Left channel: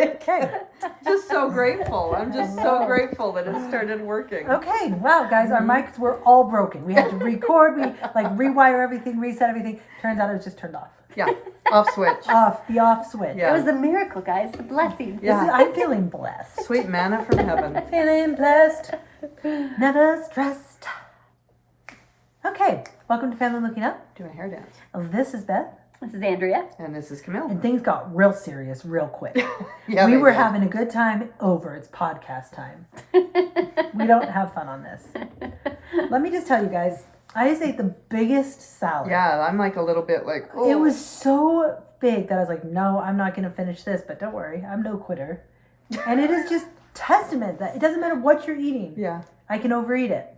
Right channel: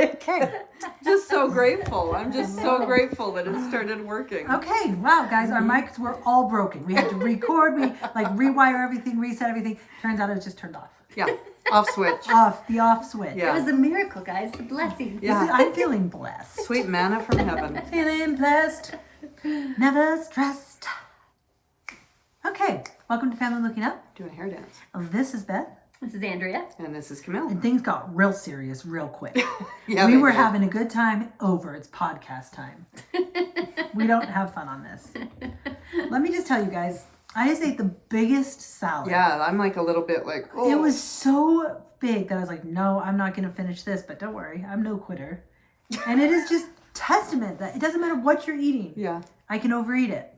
Okay. Just so grateful. I'm just so grateful that it started working. Okay. Wow, guys, our mics were all broken. We had to record. We rewire everything, reset everything. Turns out it was just turned off. Yeah. Off switch. The off switch. Yeah. It was a miracle, guys. A blessing. Yeah. I'm feeling blessed. Sweet manna from heaven. Feeling blessed. Never stressed. Okay. Welcome to Family Looking Up. Do a hair dance. This is Beth. This is Andrea. And this is Camille. And things got real serious real quick. Yeah, we they were did. having a good time over. It's podcast time. We don't have fun on this. Let me just tell you guys, I just ate the biggest salad. Yeah, I'm like a little bit like, oh. It was so big that I was like, no, I'm not going to finish this, but don't worry, I'm no quitter. And it is just testament that it doesn't matter what you're eating. Yeah. I can overeat it.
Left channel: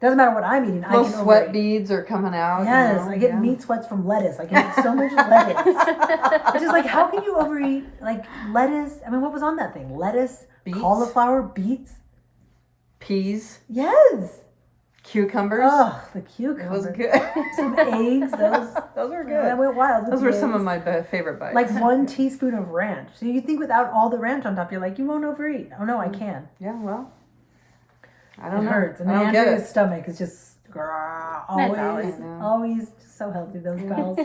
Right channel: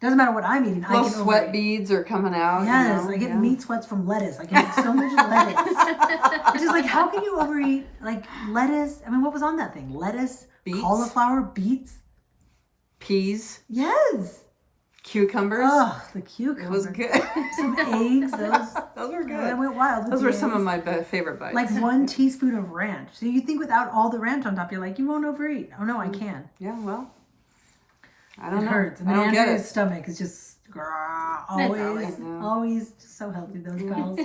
Doesn't matter what I'm eating, I Those can sweat overeat. beads are coming out. Yes, you know? I get meat sweats from lettuce. I can eat so much lettuce. It's just like, how can you overeat like lettuce? I mean, what was on that thing? Lettuce, Beets? cauliflower, beets. Peas, Yes. cucumbers. Oh, the It cucumber. was good. Some eggs. Those were I good. went wild. with Those the were some eggs. of my favorite bites. Like 1 teaspoon of ranch. So you think without all the ranch on top, you're like, you won't overeat. Oh no, I can. Yeah, well, I It don't know. hurts. And I then don't get Andrea's it. stomach is just always just so healthy, those pals.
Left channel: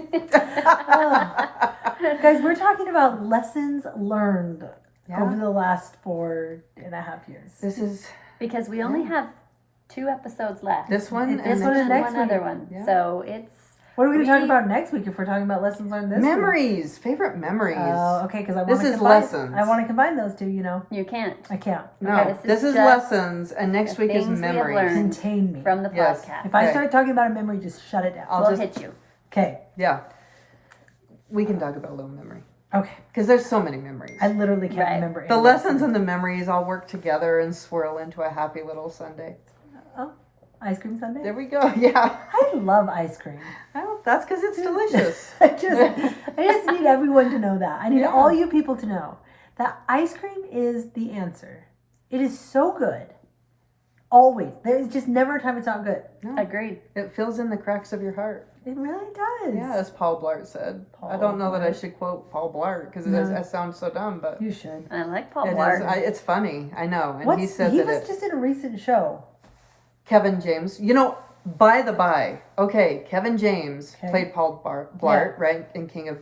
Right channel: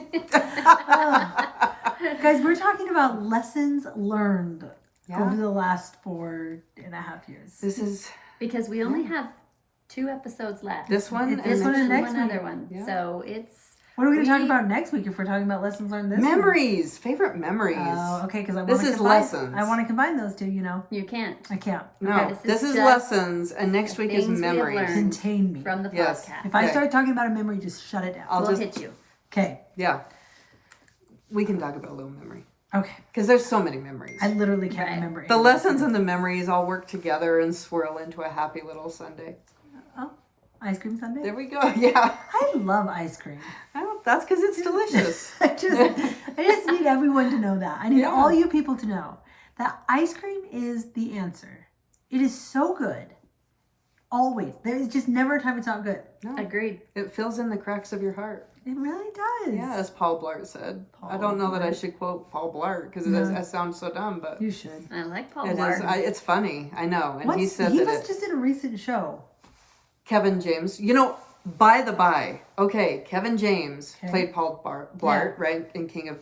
Guys, we're talking about lessons learned over the last 4.5 years. This is Because we only have 2 episodes left. this one. It's this one and next one week. other one. Yeah. So it's What are we going to talk about next week if we're talking about lessons learned this week? Memories, favorite memories. Oh, okay, because I This want to is combine. lessons. I want to combine those two. you can't. I can't. No, Okay, this is just lessons, and next the week is things we have memories. learned. Contain me. From the Yes. podcast. If I Okay. start talking about a memory, just shut it down. I'll we'll just hit you. Okay. yeah. We can talk about a little memory Okay. because there's so many memories. I literally can't Right. remember. The any lessons lesson. and the memories all work together and swirl into a happy little Sunday. Oh, ice cream sundae. There we go. Yeah. I love ice cream. Well, that's because it's delicious. I just need everyone to know that. I need Yeah. all you people to know that ice cream is the answer. It is so good. Always. There is just never a time it's not good. No, Agreed. it fills in the cracks of your heart. It really does. Yeah, as Paul Blart said. I Paul don't know that I Blart. should quote Paul Blart because No. it sounds so dumb, but You should. I like Paul it is. Blart. It's funny. I know. And he said he that was just in a recent show. Kevin James. You know, by the by, okay, Kevin James Okay. played Paul Blart, right, in King of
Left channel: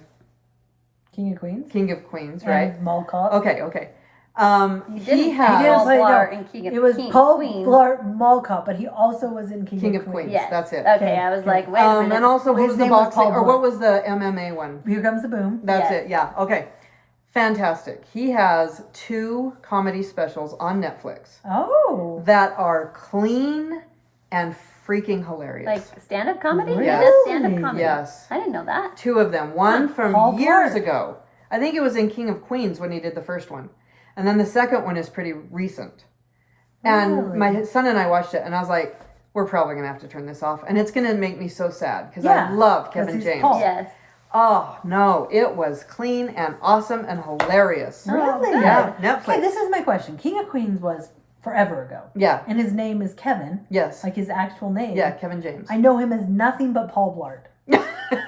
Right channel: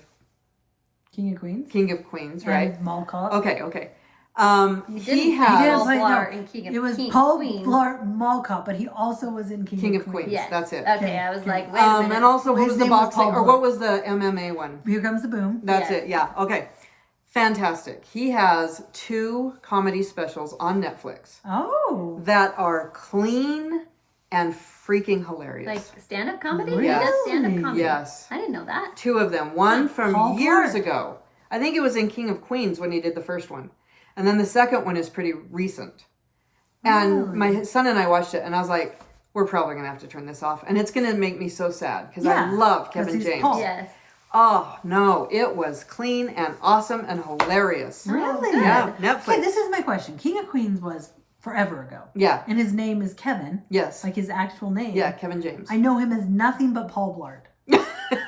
King of Queens. Queens, right? And Mall Cop. Okay. He He didn't has didn't Paul play- no, Blart in King of It was King of Paul Queens. Blart Mall Cop, but he also was in King of Queens. Yes. That's it. Okay, Okay, I was okay. like, wait a minute. And also His what was the name was boxing, Paul or what Blart. was the MMA one? Here Comes the Boom. That's Yes. it. Yeah. Okay. Fantastic. He has 2 comedy specials on Netflix Oh. that are clean and freaking hilarious. like stand-up comedy? Really? He does stand-up comedy. Yes. I didn't know that. 2 of them. One from Paul years Blart. ago. I think it was in King of Queens when he did the first one. And then the second one is pretty recent. And Really? my son and I watched it and I was like, we're probably going to have to turn this off. And it's going to make me so sad because Yeah, I love 'cause Kevin he's James. Paul. Yes. Oh, no. It was clean and awesome and hilarious. Really? good. Yeah. Netflix. Okay, this is my question. King of Queens was forever ago. Yeah. And his name is Kevin, Yes. like his actual name. Yeah, Kevin James. I know him as nothing but Paul Blart.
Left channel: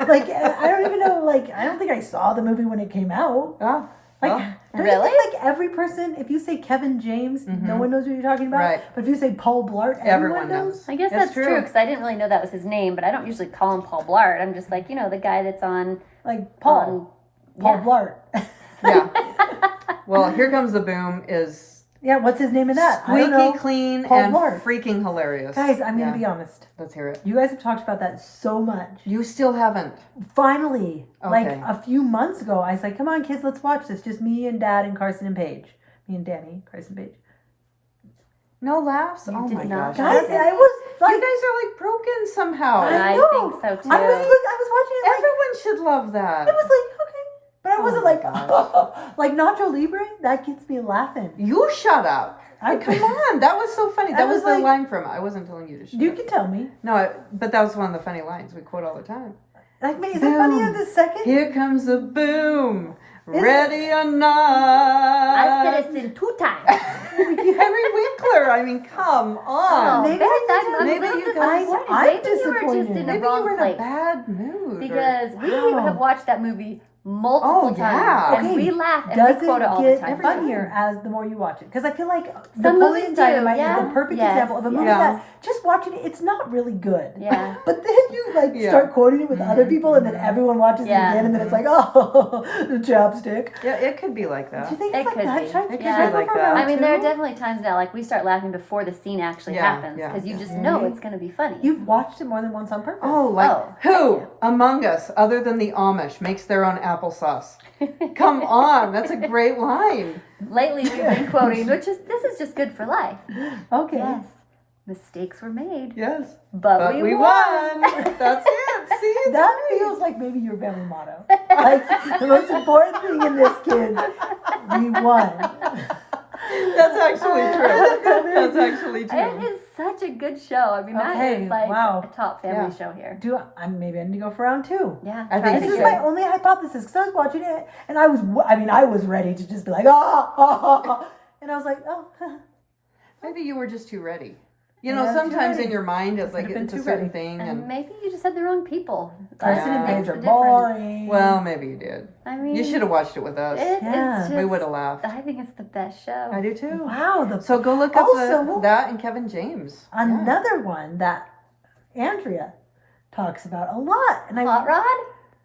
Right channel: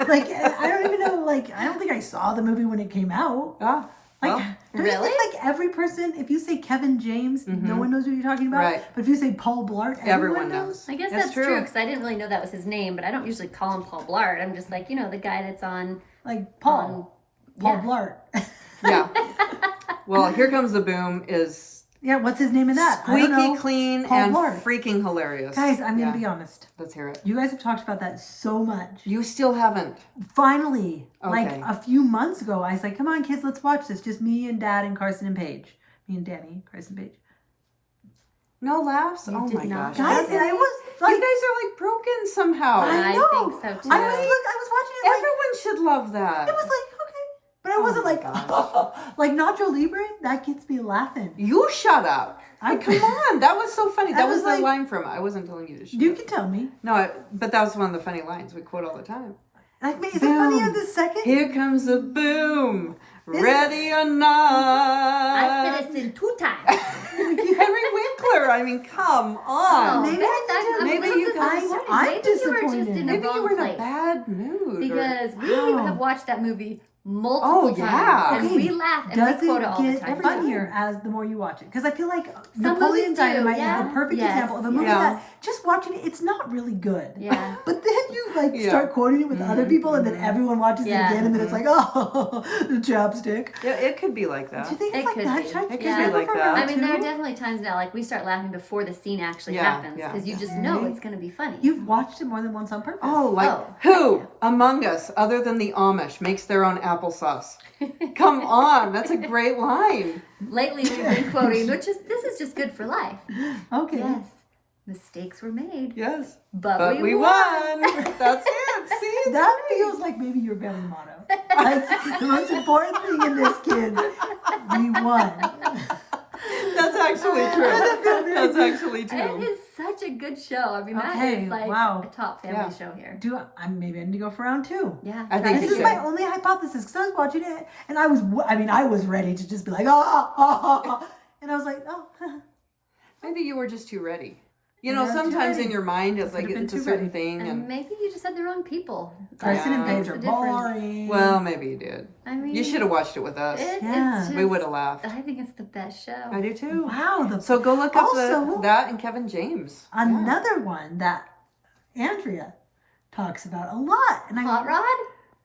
Like, I don't even know, like, I don't think I saw the movie when it came out. Ah, Like, well, don't you Really? think, like, every person, if you say Kevin James, no one knows what you're talking about? Right. But if you say Paul Blart, everyone knows? I guess that's true because I didn't really know that was his name, but I don't usually call him Paul Blart. I'm just like, the guy that's on Like, Paul. Paul Blart. yeah. Well, Here Comes the Boom is Yeah, what's his name in that? I don't squeaky know. clean Paul and Blart. freaking hilarious. Guys, I'm going Yeah. to be honest. Let's hear it. You guys have talked about that so much. You still haven't. Finally, like Okay. a few months ago, I was like, come on, kids, let's watch this. Just me and Dad and Carson and Paige. Me and Danny, Carson and Paige. No laughs? You Oh did my not. gosh. Guys, I was You like, guys are like broken somehow. I I know. think so, too. I was watching it like, Everyone should love that. it was like, okay. But I wasn't my like, like Nacho Libre, that gets me laughing. You shut up. I Come on. That was so funny. I That was was the like- line from it. I wasn't telling you to shut You up. can tell me. No, but that was one of the funny lines we quote all the time. Like, is it funnier Boom. the second? Here comes the boom. Is Ready or I not. said it 2 times. Henry Winkler. I mean, come on. Maybe Beth, I I love maybe Beth you is guys- disappointed. I'm Maybe you were just disappointed. in the Maybe you wrong were in a place. bad mood. Because we Wow. have watched that movie multiple times. yeah. And Okay, we laugh and Does we quote it all it the get time. funnier as the more you watch it? Because I feel like Some Napoleon movies do, Dynamite is yeah. the perfect Yes, example of a movie yeah. that just watching it, it's not really good. Yeah. But then you like Yeah. start quoting it with other people, and then everyone watches Yeah. it again, and then it's like, oh, the chapstick. Yeah, it could be like Do that. you think It it's like could that? be. Should I, It should could I be go like for that. round I mean, there are two? definitely times now, like, we start laughing before the scene actually Yeah, happens yeah, because you yeah. just know it's going to be funny. You've watched it more than once on purpose. Oh, like Oh. who among us, other than the Amish, makes their own applesauce? Come on, that's a great line. Lately, we've been quoting, this is just good for life. Okay. Yes, mistakes were made, Yes, but, but we won. That's it. See, it's That great. feels like maybe your family motto. Like the most important thing in this, kids, we won. That's actually true. That's actually It true. is such a good show. I mean, that Okay, is like wow. a top family Yeah. show here. Maybe I need to go for round two. Yeah, I try think it This you is again. my only hypothesis because I was watching it and I was ready to just be like, ah, and I was like, oh, Maybe you were just too ready. You Yeah, know, too sometimes ready. in your mind it's like Could've been it's a too certain ready. thing, And and maybe you just had the wrong people. Carson and Yeah. Paige are That's the difference. boring. well, maybe you did. I mean, You should have watched it with us. Yeah. it's We would have just, laughed. I think it's the best show. I do too. Wow, So go look up Also- that and Kevin James. Yeah. another one that Andrea talks about a lot, and Hot Rod?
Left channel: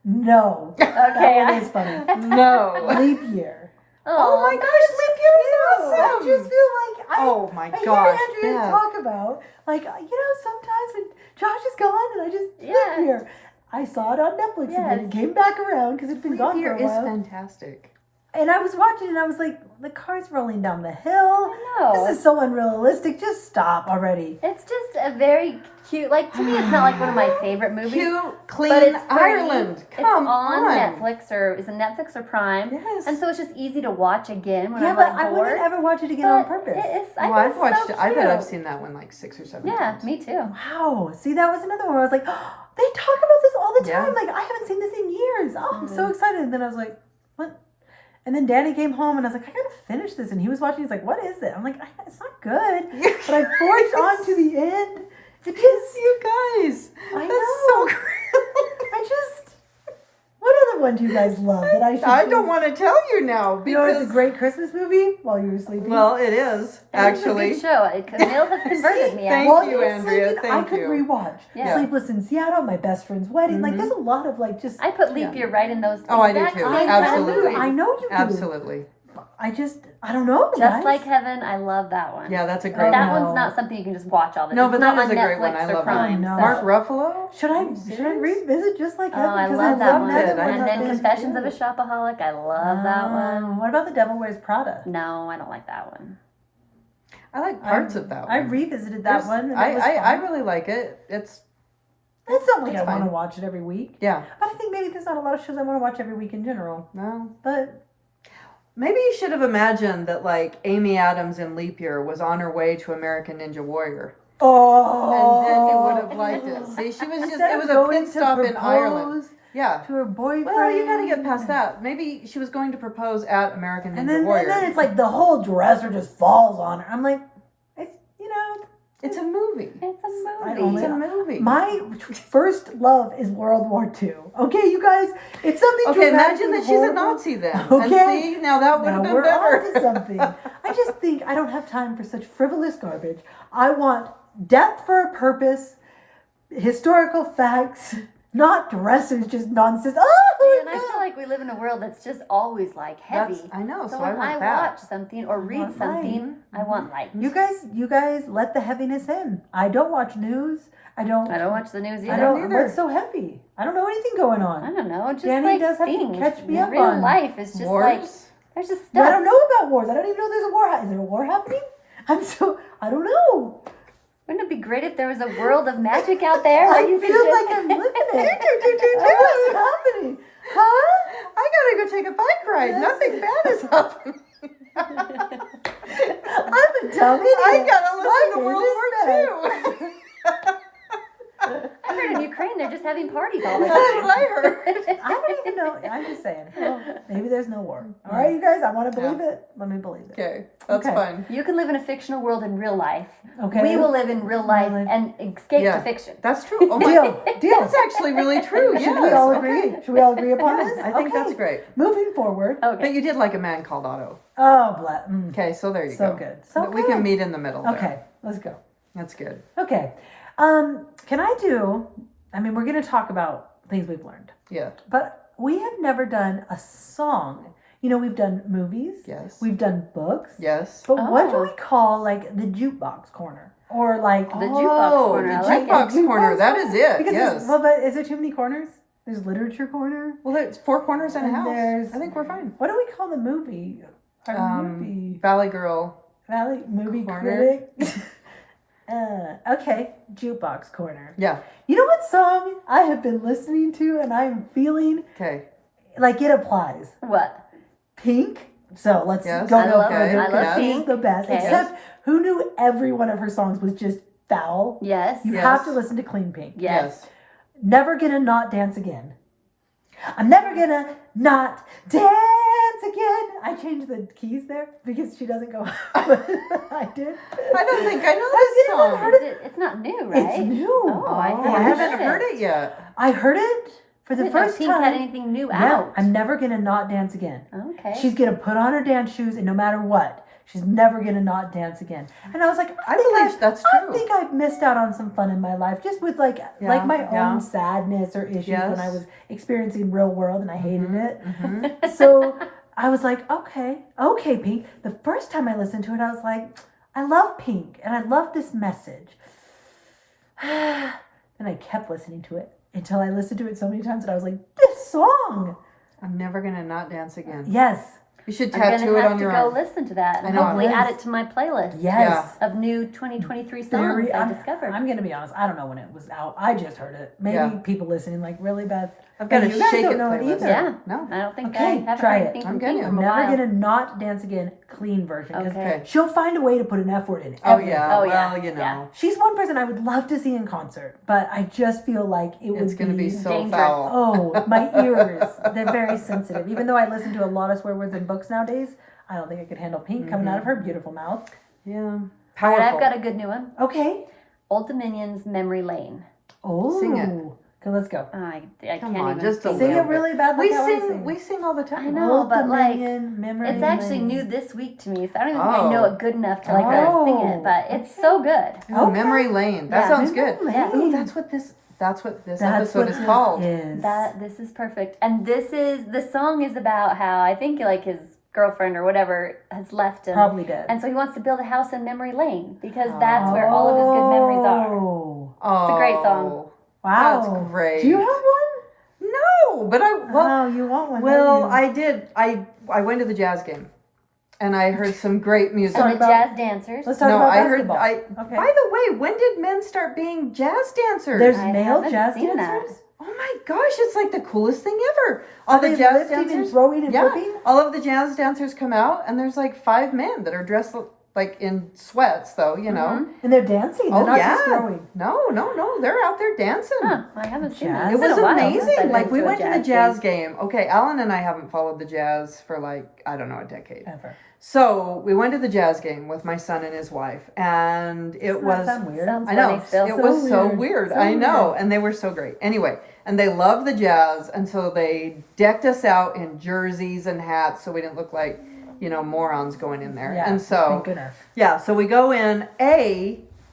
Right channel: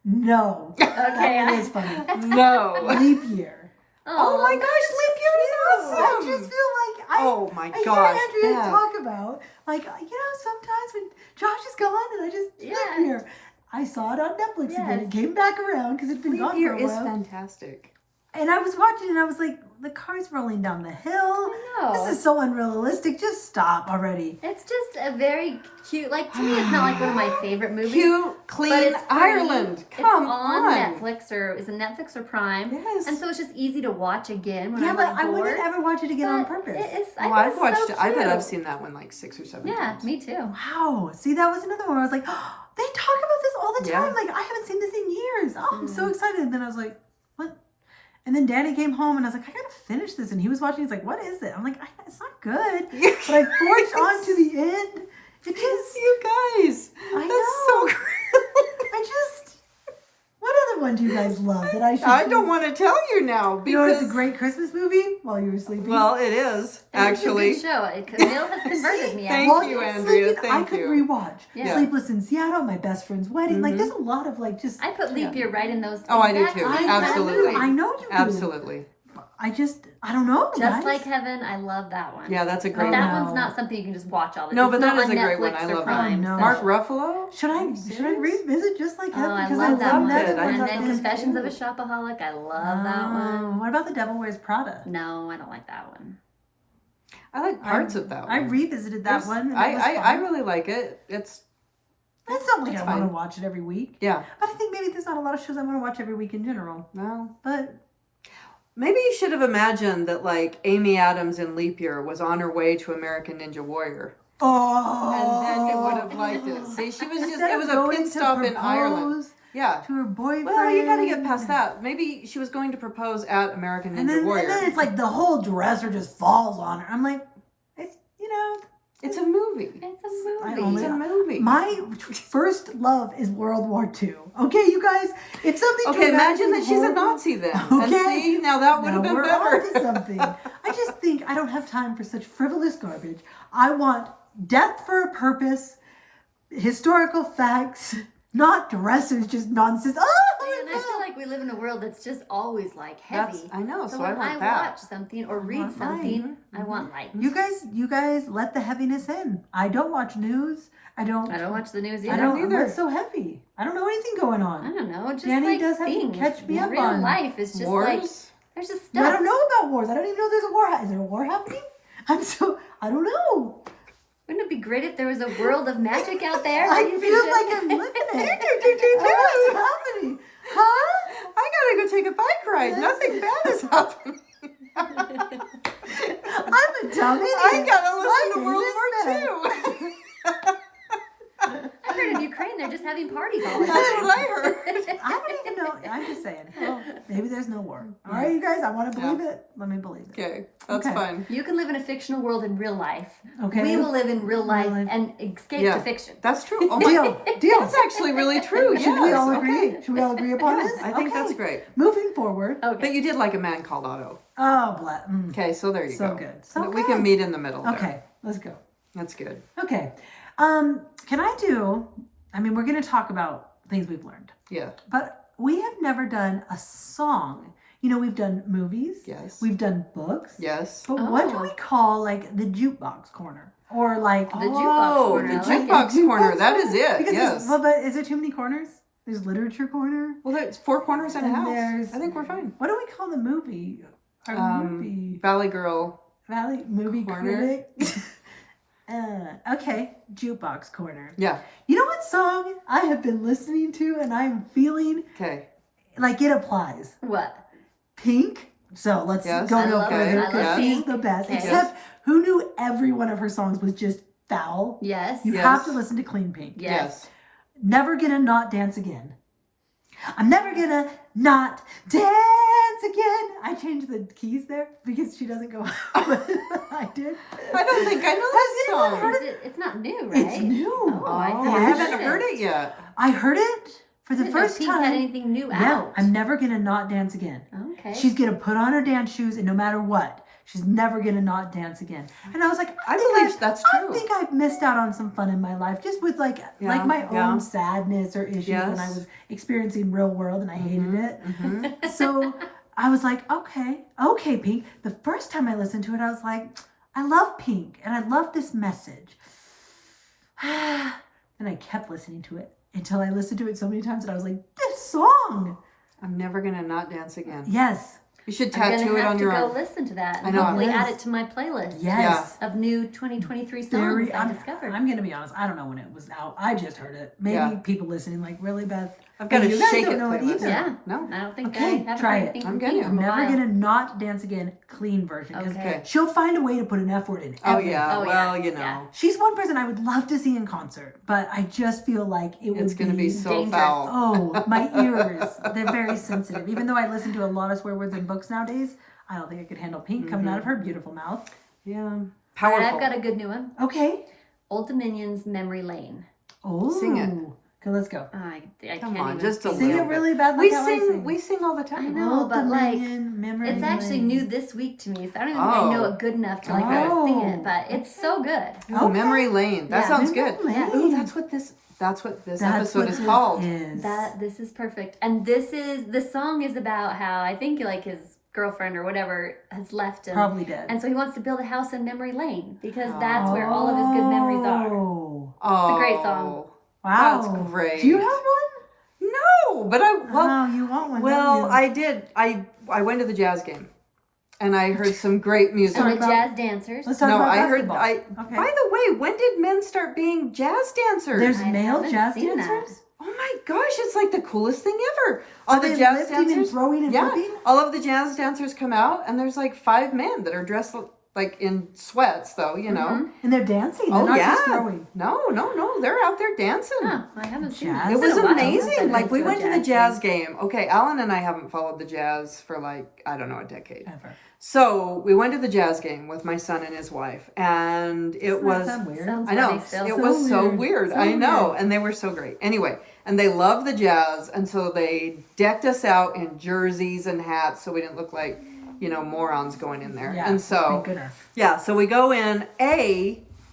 no, Okay. that one is funny. No. Leap year. Oh my gosh, Leap Year is I awesome. just feel like Oh my I gosh. hear Andrea Beth. talk about, like, sometimes when Josh is gone and I just Yeah. live here. I saw it on Netflix again. Yes. It came back around because it'd been Leap gone for Year a is while. fantastic. And I was watching and I was like, the car's rolling down the hill. No. This is so unrealistic. Just stop already. It's just a very cute, like, to me, it's not like one of my favorite movies. Cute, but clean it's pretty. Ireland. Come it's on on. Netflix is it Netflix or Prime? Yes. And so it's just easy to watch again when Yeah, I'm but like I bored. wouldn't ever watch it again But on purpose. I Well, think I've it's watched so it. I bet I've cute. seen that one like 6 or 7 Yeah, times. me too. Wow. See, that was another one where I was like, oh, they talk about this all the Yeah. time. Like, I haven't seen this in years. Oh, I'm so Mhm. excited. And then I was like, what? And then Danny came home and I was like, I gotta finish this. And he was watching. He's like, what is it? I'm like, it's not good. But I forged on to the end. It just, You guys. I That's know. so great. I just, what other one do you guys love that I should I do? don't want to tell you now. You know, it's a because- great Christmas movie while you were sleeping. Well, it is, That was actually. a good show. Camille has converted me. Thank while actually. you, were Andrea. sleeping, I Thank could you. rewatch Yeah. Sleepless in Seattle, My Best Friend's Wedding. Like, Mhm. there's a lot of like just. I put Leap Year right in those. Oh, I do exact too. same Absolutely. movies. I know you do. Absolutely. I don't know. Just guys. like Heaven, I love that one. Yeah, that's a Oh, great That one. no. one's not something you can just watch all the time. No, It's but not that is on a great Netflix one. I or love Prime, that. so- Mark Ruffalo? Should I serious? revisit Just Like Oh, Heaven? I Because love that love one. that I one. And love then that Confessions of a Shopaholic, I love that one. What about The Devil Wears Prada? No, I don't like that one. I like parts of that one. I revisited that There's- one. And I, it was I fun. really like it. It's not like it's I want to fine. watch it every week. yeah. But I think maybe there's not a lot of shows I want to watch every week in general. No. But Maybe you should have imagined that like Amy Adams in Leap Year was on her way to American Ninja Warrior. And then you would have liked it. See, she was just Instead it of was a going pit to stop in Ireland. propose Yeah. to her boyfriend. Well, you gotta get past that. Maybe she was going to propose at American Ninja Warrior. And then it's like the whole dresser just falls on her. I'm like, It's a movie. It's a movie. I only- It's a movie. my first love is World War II. Okay, you guys, it's something Okay, dramatic imagine and that she's a horrible. Nazi then. Okay. And see, now that would Now have been we're better. on to something. I just think I don't have time for such frivolous garbage. I want death for a purpose, historical facts, not dressers, just nonsense. Oh, And I feel like we live in a world that's just always like heavy. I know, so when I want that. watch something or read want light. something, I want light. you guys let the heaviness in. I don't watch news. I don't watch the news either. I don't. either. What's so heavy? I don't know anything going I on. don't know. Just Danny like does have to things. catch me up Real on life is just like Wars? there's just I stuff. don't know about wars. I don't even know there's a war. Is there a war happening? I don't know. Wouldn't it be great if there was a world of magic out there? I and you could feel just- like I'm living it. What's happening? Huh? I gotta go take a bike ride. Nothing bad has happened. I'm a dumb idiot. I gotta listen to My World name War is II. I heard in Ukraine they're just having parties all the That's time. what I heard. I don't even know. I'm just saying. Maybe there's no war. All right, you guys, I want to believe it. Let me believe it. Okay, that's Okay. fine. You can live in a fictional world in real life. Okay. We will live in real life and escape Yeah. to fiction. That's true. Oh my, Deal. that's actually really true. Should we yes, all okay. agree? Should we all agree upon this? I think Okay. that's great. Moving forward. Okay. But you did like A Man Called Otto. Oh, Okay, so there you so go. good. So we good. can meet in the middle. there. Okay, let's go. That's good. Okay. Can I do, I mean, we're going to talk about things we've learned, Yeah. but we have never done a song. You know, we've done movies. Yes. We've done books. Yes. But what do Oh. we call like the jukebox corner? Or like The jukebox corner, The I like jukebox it. corner. That is it. because yes. there's, well, but is there too many corners? There's literature corner. Well, there's 4 corners and a And house. there's- I think we're fine. What do we call the movie? Our movie Valley Girl. Valley movie Corner. critic. Okay, jukebox corner. Yeah. You know what song I have been listening to and I'm feeling Okay. like it applies? What? Pink. So let's Yes. go I no love- further I love because she's Pink. the best. Okay. Except who knew every one of her songs was just foul? Yes. You Yes. have to listen to Clean Pink. Yes. Never gonna not dance again. I'm never gonna not dance again. I changed the keys there because she doesn't go. I did. I don't think I know Have this you ever song. heard It's not new, right? It's new. Oh, I Oh, think I Yeah. haven't heard it yet. I heard it for the I didn't know first Pink had time. anything new Yeah, out. I'm never gonna not dance again. Okay. She's gonna put on her dance shoes, and no matter what, she's never gonna not dance again. And I was like, I believe that's I true. think I've missed out on some fun in my life, just with like my yeah. own sadness or issues when I Yes. was experiencing real world, and I hated it. Mhm. So I was like, okay, Pink. The first time I listened to it, I was like, I love Pink, and I love this message. And I kept listening to it until I listened to it so many times that I was like, this song. I'm never gonna not dance again. Yes. You should I'm tattoo gonna it have on to your go arm. listen to that I and know. hopefully Yes. add it to my playlist Yes. of new 2023 songs Very, I've I'm, discovered. I'm gonna be honest. I don't know when it was out. I just heard it. Maybe Yeah. people listening like, really, Beth? I've got But a you guys shake don't it know it playlist. either. Yeah. No. I don't think Okay, I haven't try heard it. anything I'm from getting Pink it. in a Never while. gonna not dance again. Clean version because Okay. she'll find a way to put an F word in Oh everything. yeah. Oh, yeah. Well, you know. Yeah. She's one person I would love to see in concert, but I just feel like it It's would gonna be so dangerous. foul. Oh, my ears. They're very sensitive. Even though I listen to a lot of swear words in books nowadays, I don't think I could handle Pink coming out of her beautiful mouth. Yeah. But Powerful. I've got a good new one. Okay. Old Dominion's Memory Lane. Oh. Sing it. Okay, let's go. I Come can't on, even just a Sing little it really bit. bad like We how I sing. sing. We sing all the I time. know. Old but, like, Dominion, memory It's actually lane. new this week to me, so I don't even think I know Oh. it good enough to like really sing it. But it's so good. Ooh, Okay. Memory Lane. That Yeah. sounds Memory good. lane. Ooh, that's what this That's episode what is this called. is. This is perfect. And the song is about how I think like his girlfriend or whatever has left him. Probably dead. And so he wants to build a house in Memory Lane because that's where all of his good memories are. Oh. Oh, It's a great song. Wow. That's great. Do you have one? No, but Oh, you want one? well, don't you? I did. I went to the jazz game, and I heard some great music. Talk And the about- jazz dancers. Let's talk No, about I heard. basketball. Okay. Okay. By the way, when did men start being jazz dancers? There's I male haven't jazz seen that. dancers? Oh my gosh, it's like the coolest thing ever. All Are the they jazz lifting and dancers, throwing and yeah, flipping? all of the jazz dancers come out, and there's like 5 men that are dressed like in sweats, though. You know. And they're dancing. They're Oh not yeah. just throwing. No, they're out there dancing. Huh, I haven't seen Jazz? that. It It's was been a while since I've amazing. been Like we a went to the jazz game. game. Okay, Alan and I haven't followed the jazz for like I don't know a decade. Ever. So we went to the jazz game with my son and his wife, and it Doesn't that was sound weird? Sounds I know funny still. it So was so weird. weird. So I know, weird. and they were so great. Anyway, and they loved the jazz, and so they decked us out in jerseys and hats, so we didn't look like morons going in there. Yeah. And so Thank goodness. yeah, so we go in.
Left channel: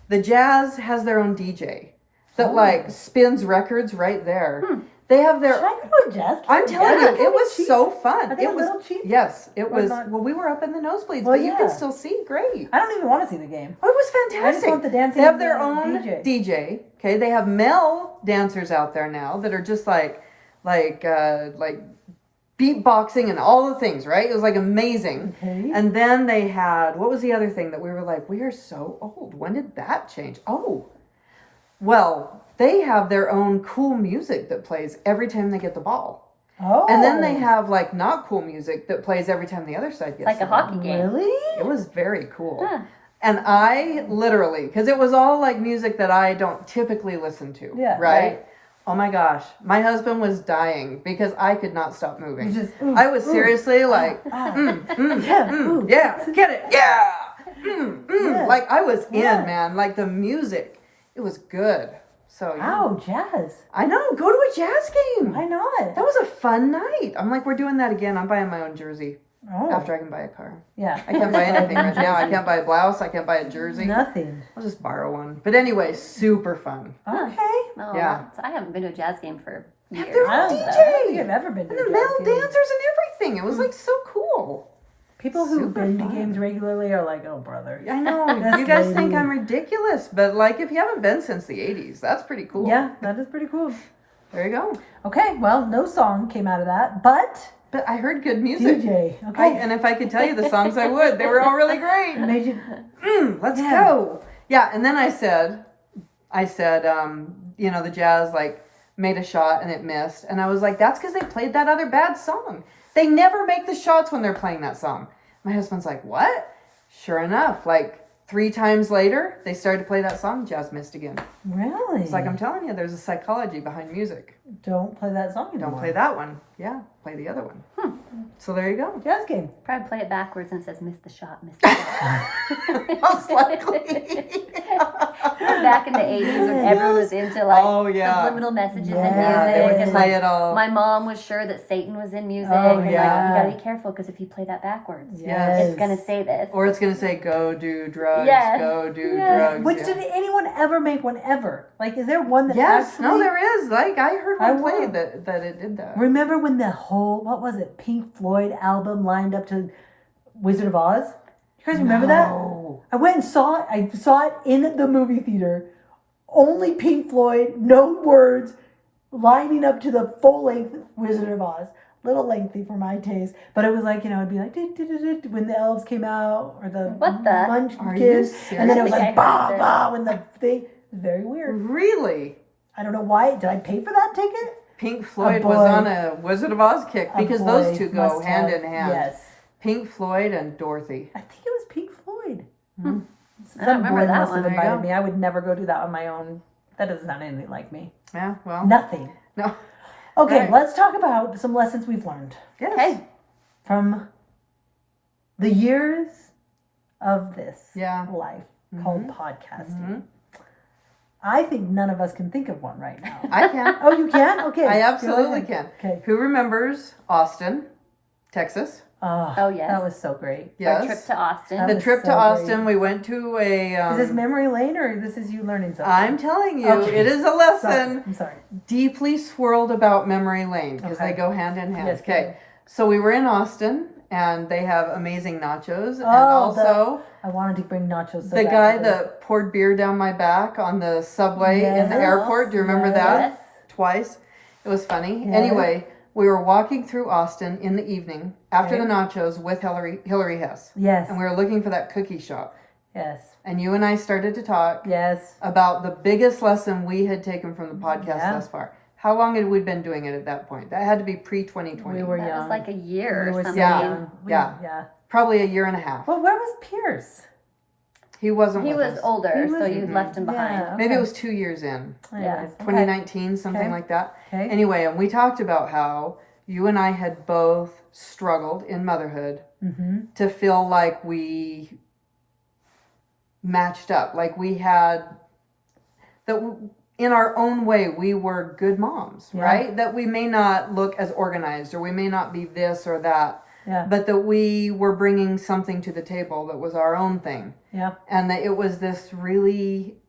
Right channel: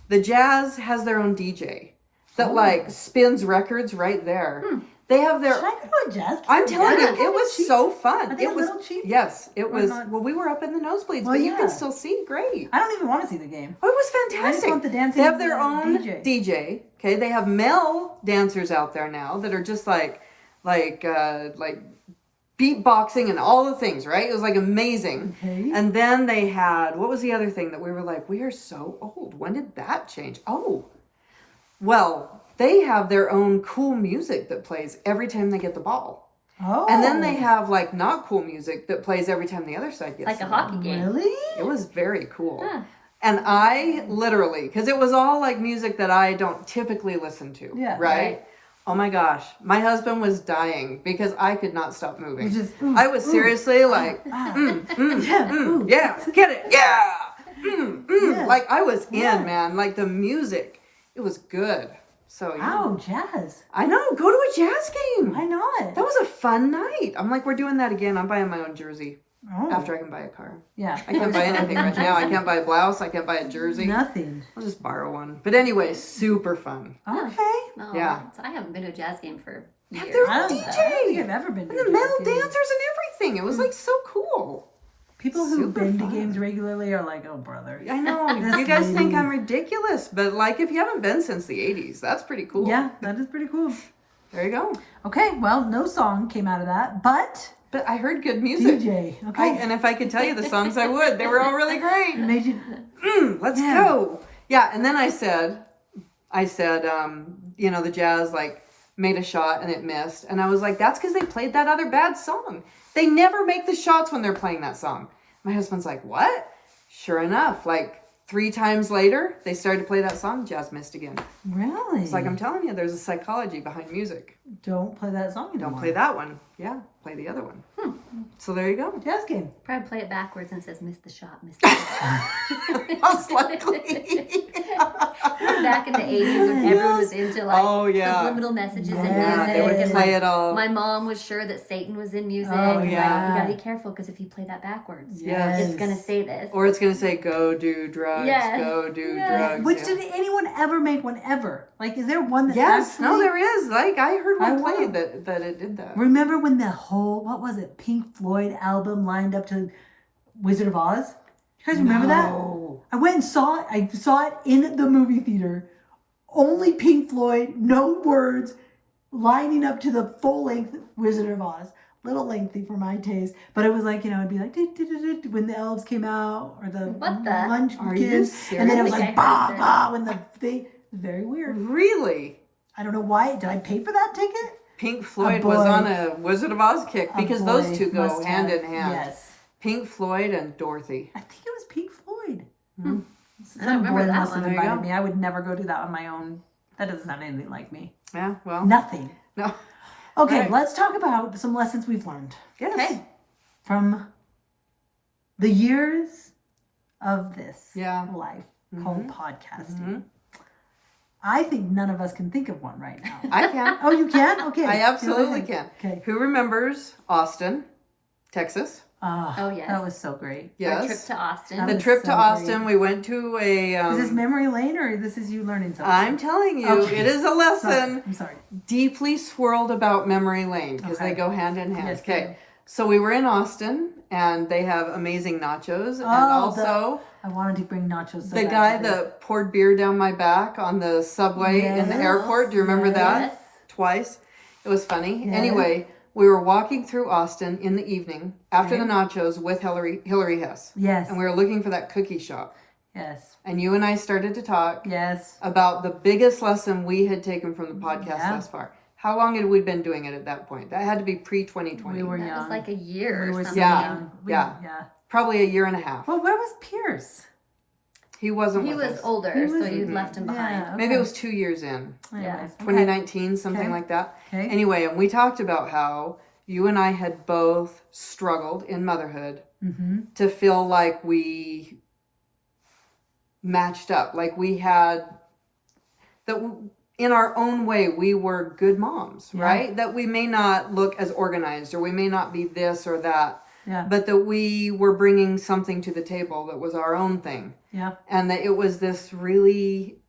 The jazz has their own DJ that like spins records right there. They have their. Should I go to a jazz game? I'm telling you, Are they it kinda was cheap? so fun. Are they it a was little cheap? Yes, it Or was. not? Well, we were up in the nosebleeds, Well, but you yeah. can still see great. I don't even want to see the game. Oh, it was I fantastic. just want the dancing. They have of their the own DJ. DJ. Okay, they have male dancers out there now that are just like beatboxing and all the things. Right? It was like amazing. Okay. And then they had, what was the other thing that we were like, we are so old. When did that change? Oh, well, they have their own cool music that plays every time they get the ball. Oh. And then they have like not cool music that plays every time the other side gets Like the a ball. hockey game. Really? It was very cool. Huh. And I literally, because it was all like music that I don't typically listen to. Yeah. Right? Oh my gosh, my husband was dying because I could not stop You moving. just, I was seriously like, ah. yeah, get it, yeah, Yeah. like I was Yeah. in, man. Like the music, it was good. So Wow, jazz. I know, go to a jazz game. Why not? That was a fun night. I'm like, we're doing that again. I'm buying my own jersey Oh, after I can buy a car. yeah. I can't buy anything right now. I can't buy a blouse. I can't buy a jersey. Nothing. I'll just borrow one. But anyway, super fun. Okay. Oh, Yeah. I haven't been to a jazz game for years. There's I a don't, DJ. I don't think I've ever been to And a the jazz metal game. dancers and everything. It was like so cool. People who've Super been fun. to games regularly are like, oh, brother. I know. That's You guys think maybe- I'm ridiculous, but like if you haven't been since the 80s, that's pretty cool. Yeah, that is pretty cool. There you go. Okay, well, no song came out of that, but But I heard good music. DJ. Okay. And if I could tell you the songs, I would. They were all really great. Made you. Let's Yeah. go. Yeah, and then I said, you know, the Jazz like made a shot and it missed, and I was like, that's because they played that other bad song. They never make the shots when they're playing that song. My husband's like, what? Sure enough, like 3 times later, they started to play that song. Jazz missed again. Really? It's like I'm telling you, there's a psychology behind music. Don't play that song anymore. Don't play that one. Yeah, play the other one. So there you go. Jazz game. Probably play it backwards and it says "Miss the shot, miss the shot." Most likely. Back in the 80s when everyone was into like Oh, yeah. subliminal messages Yeah, in Yeah, they music. would and, play like, it all. my mom was sure that Satan was in music. Oh, and, like, yeah. you gotta be careful because if you play that backwards, Yes. it's gonna say this. Or it's gonna say, go do drugs, Yes. go do Yes. drugs. Which yeah. did anyone ever make one ever? Like, is there one that Yes, actually? no, there is. Like, I heard I one play want- that it did that. Remember when the whole, what was it, Pink Floyd album lined up to Wizard of Oz? You guys remember that? No. I went and saw it. I saw it in the movie theater. Only Pink Floyd, no words, lining up to the full length Wizard of Oz. Little lengthy for my taste, but it was like, you know, it'd be like "Do-do-do-do-do" when the elves came out or the What the? Are you munchkins, and then it was serious? like bah I hate bah when the thing. Very weird. Really? I don't know why. Did I pay for that ticket? Pink Floyd boy. was on a Wizard of Oz kick A because boy those two go must hand have- in hand. Yes, Pink Floyd and Dorothy. I think it was Pink Floyd. I don't Some remember boy that must one. have There you invited go. me. I would never go do that on my own. That doesn't sound anything like me. Yeah, well. Nothing. No. Okay, Right. let's talk about some lessons we've learned Yes. Hey. from the years of this Yeah. life called Mhm. podcasting. I think none of us can think of one right now. I can. Oh, you can? Okay. I go absolutely ahead. can. Okay. Who remembers Austin, Texas? Oh, yes. That was so great. Our trip Yes. to Austin. That The was trip to so Austin, great. we went to a. Is this memory lane or this is you learning something? I'm telling you, Okay. it is a Sorry. lesson I'm sorry. deeply swirled about memory lane because Okay. they go hand in hand. Yes, they okay. do. So we were in Austin and they have amazing nachos. And Oh, also I wanted to bring nachos so the bad guy today. that poured beer down my back on the subway in the Yes. airport. Do you remember that? Yes. Twice. It was funny. Yes. Anyway, we were walking through Austin in the evening after Okay. the nachos with Hillary Hess. Yes. And we were looking for that cookie shop. Yes. And you and I started to talk Yes. about the biggest lesson we had taken from the podcast Yeah. thus far. How long had we been doing it at that point? That had to be pre-2020. We were That young. was like a year We or were so something. young. Yeah. Yeah. Probably a year and a half. Well, where was Pierce? He wasn't He with was us. older, He was- so you left him behind. Yeah. Maybe okay. it was 2 years in. Anyways, okay. 2019, something Okay. like that. Okay. Anyway, and we talked about how you and I had both struggled in motherhood Mm-hmm. to feel like we matched up, like we had that in our own way we were good moms, Yeah. right? That we may not look as organized or we may not be this or that, Yeah. but that we were bringing something to the table that was our own thing, Yeah. and that it was this really,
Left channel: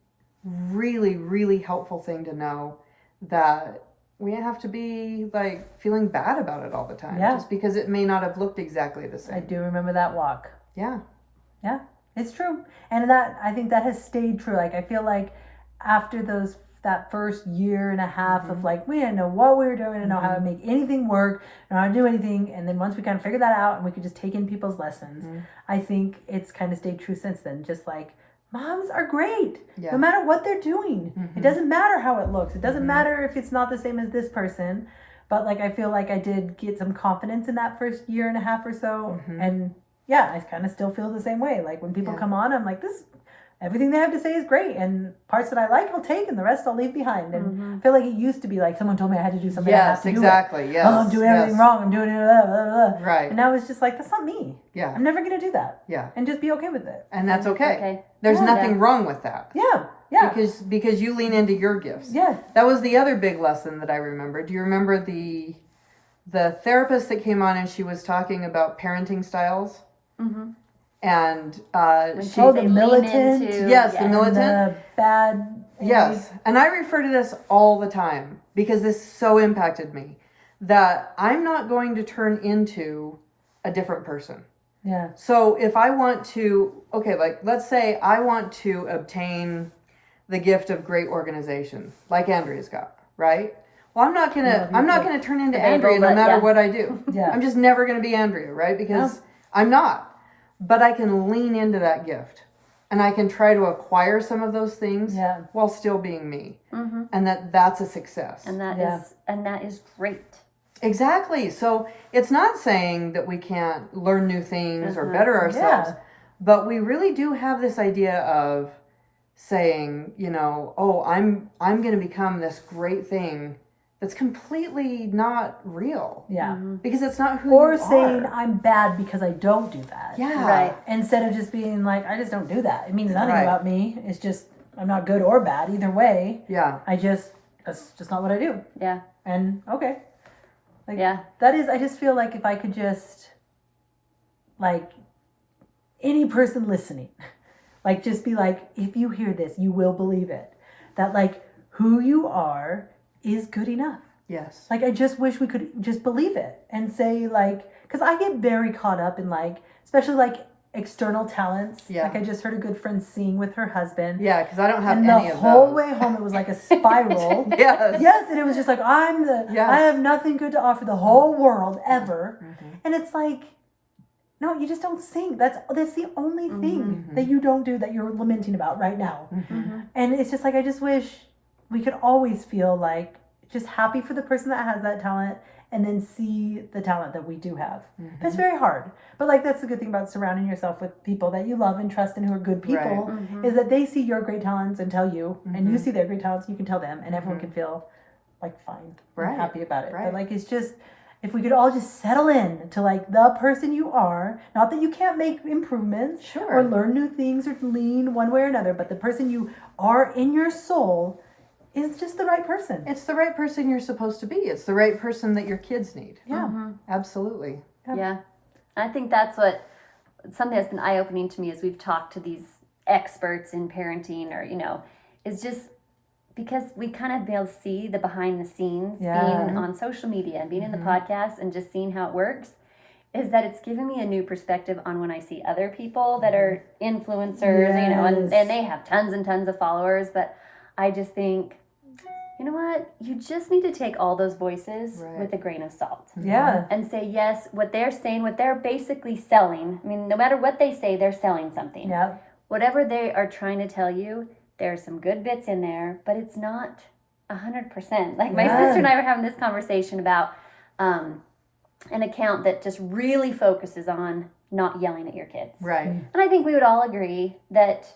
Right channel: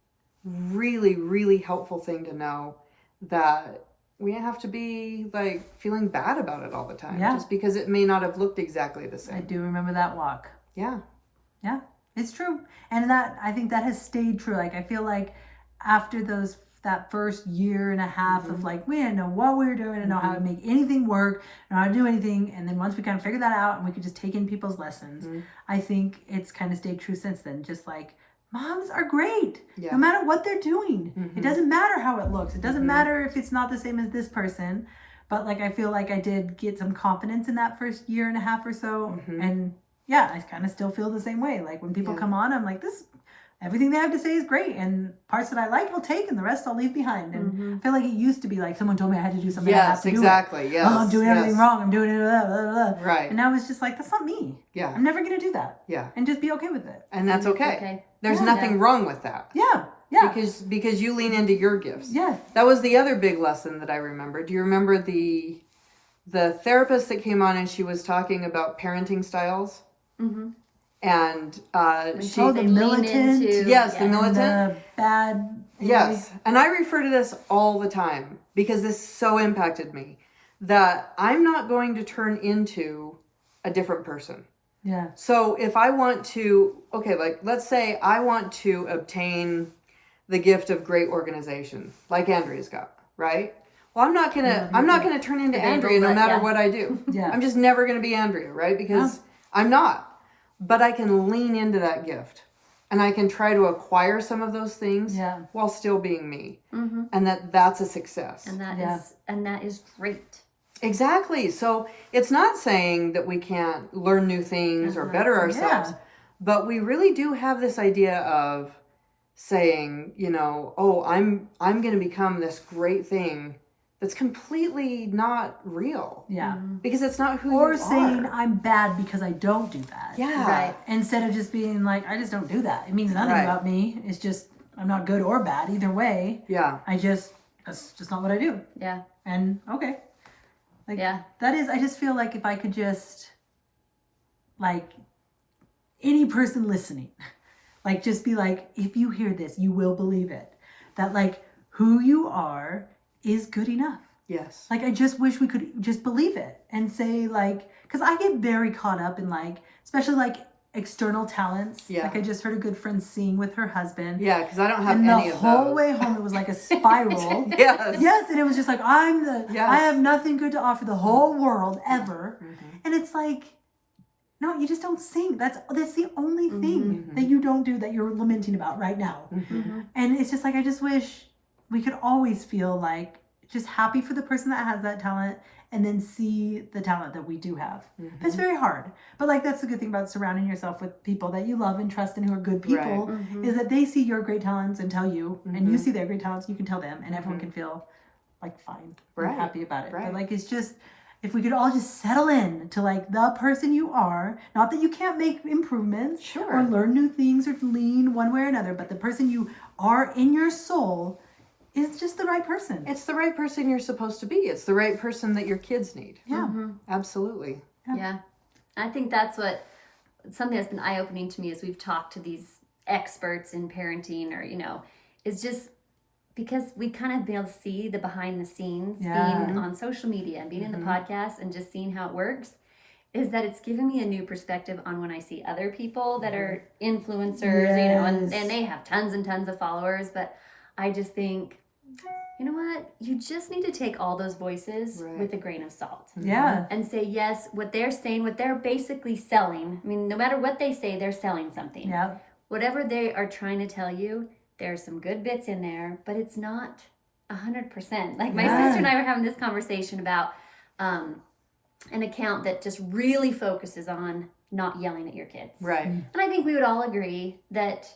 really, really helpful thing to know that we didn't have to be like feeling bad about it all the time, Yeah. just because it may not have looked exactly the I same. do remember that walk. Yeah. Yeah, it's true. And that, I think that has stayed true. Like, I feel like after that first year and a half of like, we didn't know what we were doing, we didn't know how to make anything work, know how to do anything. And then once we kind of figured that out and we could just take in people's lessons, I think it's kind of stayed true since then. Just like, moms are great, Yeah. no matter what they're doing. Mhm. It doesn't matter how it looks. It doesn't matter if it's not the same as this person. But like, I feel like I did get some confidence in that first year and a half or so. Mhm. And yeah, I kind of still feel the same way. Like when people Yeah. come on, I'm like, this everything they have to say is great, and parts that I like I'll take, and the rest I'll leave behind. And I feel like it used to be like someone told me I had to do something, I have Yes, to exactly. do it. Yes. Oh, I'm doing everything yes. wrong. I'm doing it. Blah, blah, blah. Right. And now it's just like, that's not me. Yeah. I'm never gonna do that. Yeah. And just be okay with it. And that's okay. Okay. There's Yeah. nothing wrong with that. Yeah. Yeah. Because you lean into your gifts. Yeah. That was the other big lesson that I remember. Do you remember the therapist that came on and she was talking about parenting styles? Mm-hmm. And she Oh, the militant. Yes, the And militant. the bad. Yes. And I refer to this all the time because this so impacted me that I'm not going to turn into a different person. Yeah. So if I want to, like let's say I want to obtain the gift of great organization, like Andrea's got, right? Well, I'm not gonna turn into Andrea no matter what I do. Yeah. I'm just never gonna be Andrea, right? Because I'm not. But I can lean into that gift, and I can try to acquire some of those things while still being me, and that's a success. And that is great. Exactly. So it's not saying that we can't learn new things or better ourselves, but we really do have this idea of saying, I'm going to become this great thing that's completely not real. Yeah. Because it's not who Or you saying are. I'm bad because I don't do that. Yeah. Right. Instead of just being like, I just don't do that. It means nothing Right. about me. It's just, I'm not good or bad either way. Yeah. That's just not what I do. Yeah. And okay. Like, Yeah. that is, I just feel like if I could just, like, any person listening, like, just be like, if you hear this, you will believe it. That, like, who you are is good enough. Yes. Like, I just wish we could just believe it and say, like, because I get very caught up in, like, especially, like, external talents. Yeah. Like, I just heard a good friend sing with her husband. Yeah, because I don't have And any the of whole those. way home, it was like a spiral. Yes. Yes, and it was just like, Yes. I have nothing good to offer the whole world ever. Mhm. And it's like, no, you just don't sing. That's the only thing Mhm. that you don't do that you're lamenting about right now. Mhm. And it's just like, I just wish we could always feel like just happy for the person that has that talent and then see the talent that we do have. Mm-hmm. It's very hard. But like, that's the good thing about surrounding yourself with people that you love and trust and who are good people is that they see your great talents and tell you, and you see their great talents, you can tell them, and everyone can feel like fine Right. and happy about it. Right. But like, it's just, if we could all just settle in to like the person you are, not that you can't make improvements Sure. or learn new things or lean one way or another, but the person you are in your soul is just the right person. It's the right person you're supposed to be. It's the right person that your kids need. Yeah. Absolutely. Yeah. I think that's something that's been eye-opening to me as we've talked to these experts in parenting or, is just because we kind of be able to see the behind the scenes being on social media and being in the podcast and just seeing how it works, is that it's given me a new perspective on when I see other people that are influencers, and they have tons and tons of followers, but I just think, you know what? You just need to take all those voices with a grain of salt. Yeah. And say, yes, what they're saying, what they're basically selling. I mean, no matter what they say, they're selling something. Yeah. Whatever they are trying to tell you, there's some good bits in there, but it's not 100%. Like my sister and I were having this conversation about an account that just really focuses on not yelling at your kids. Right. And I think we would all agree that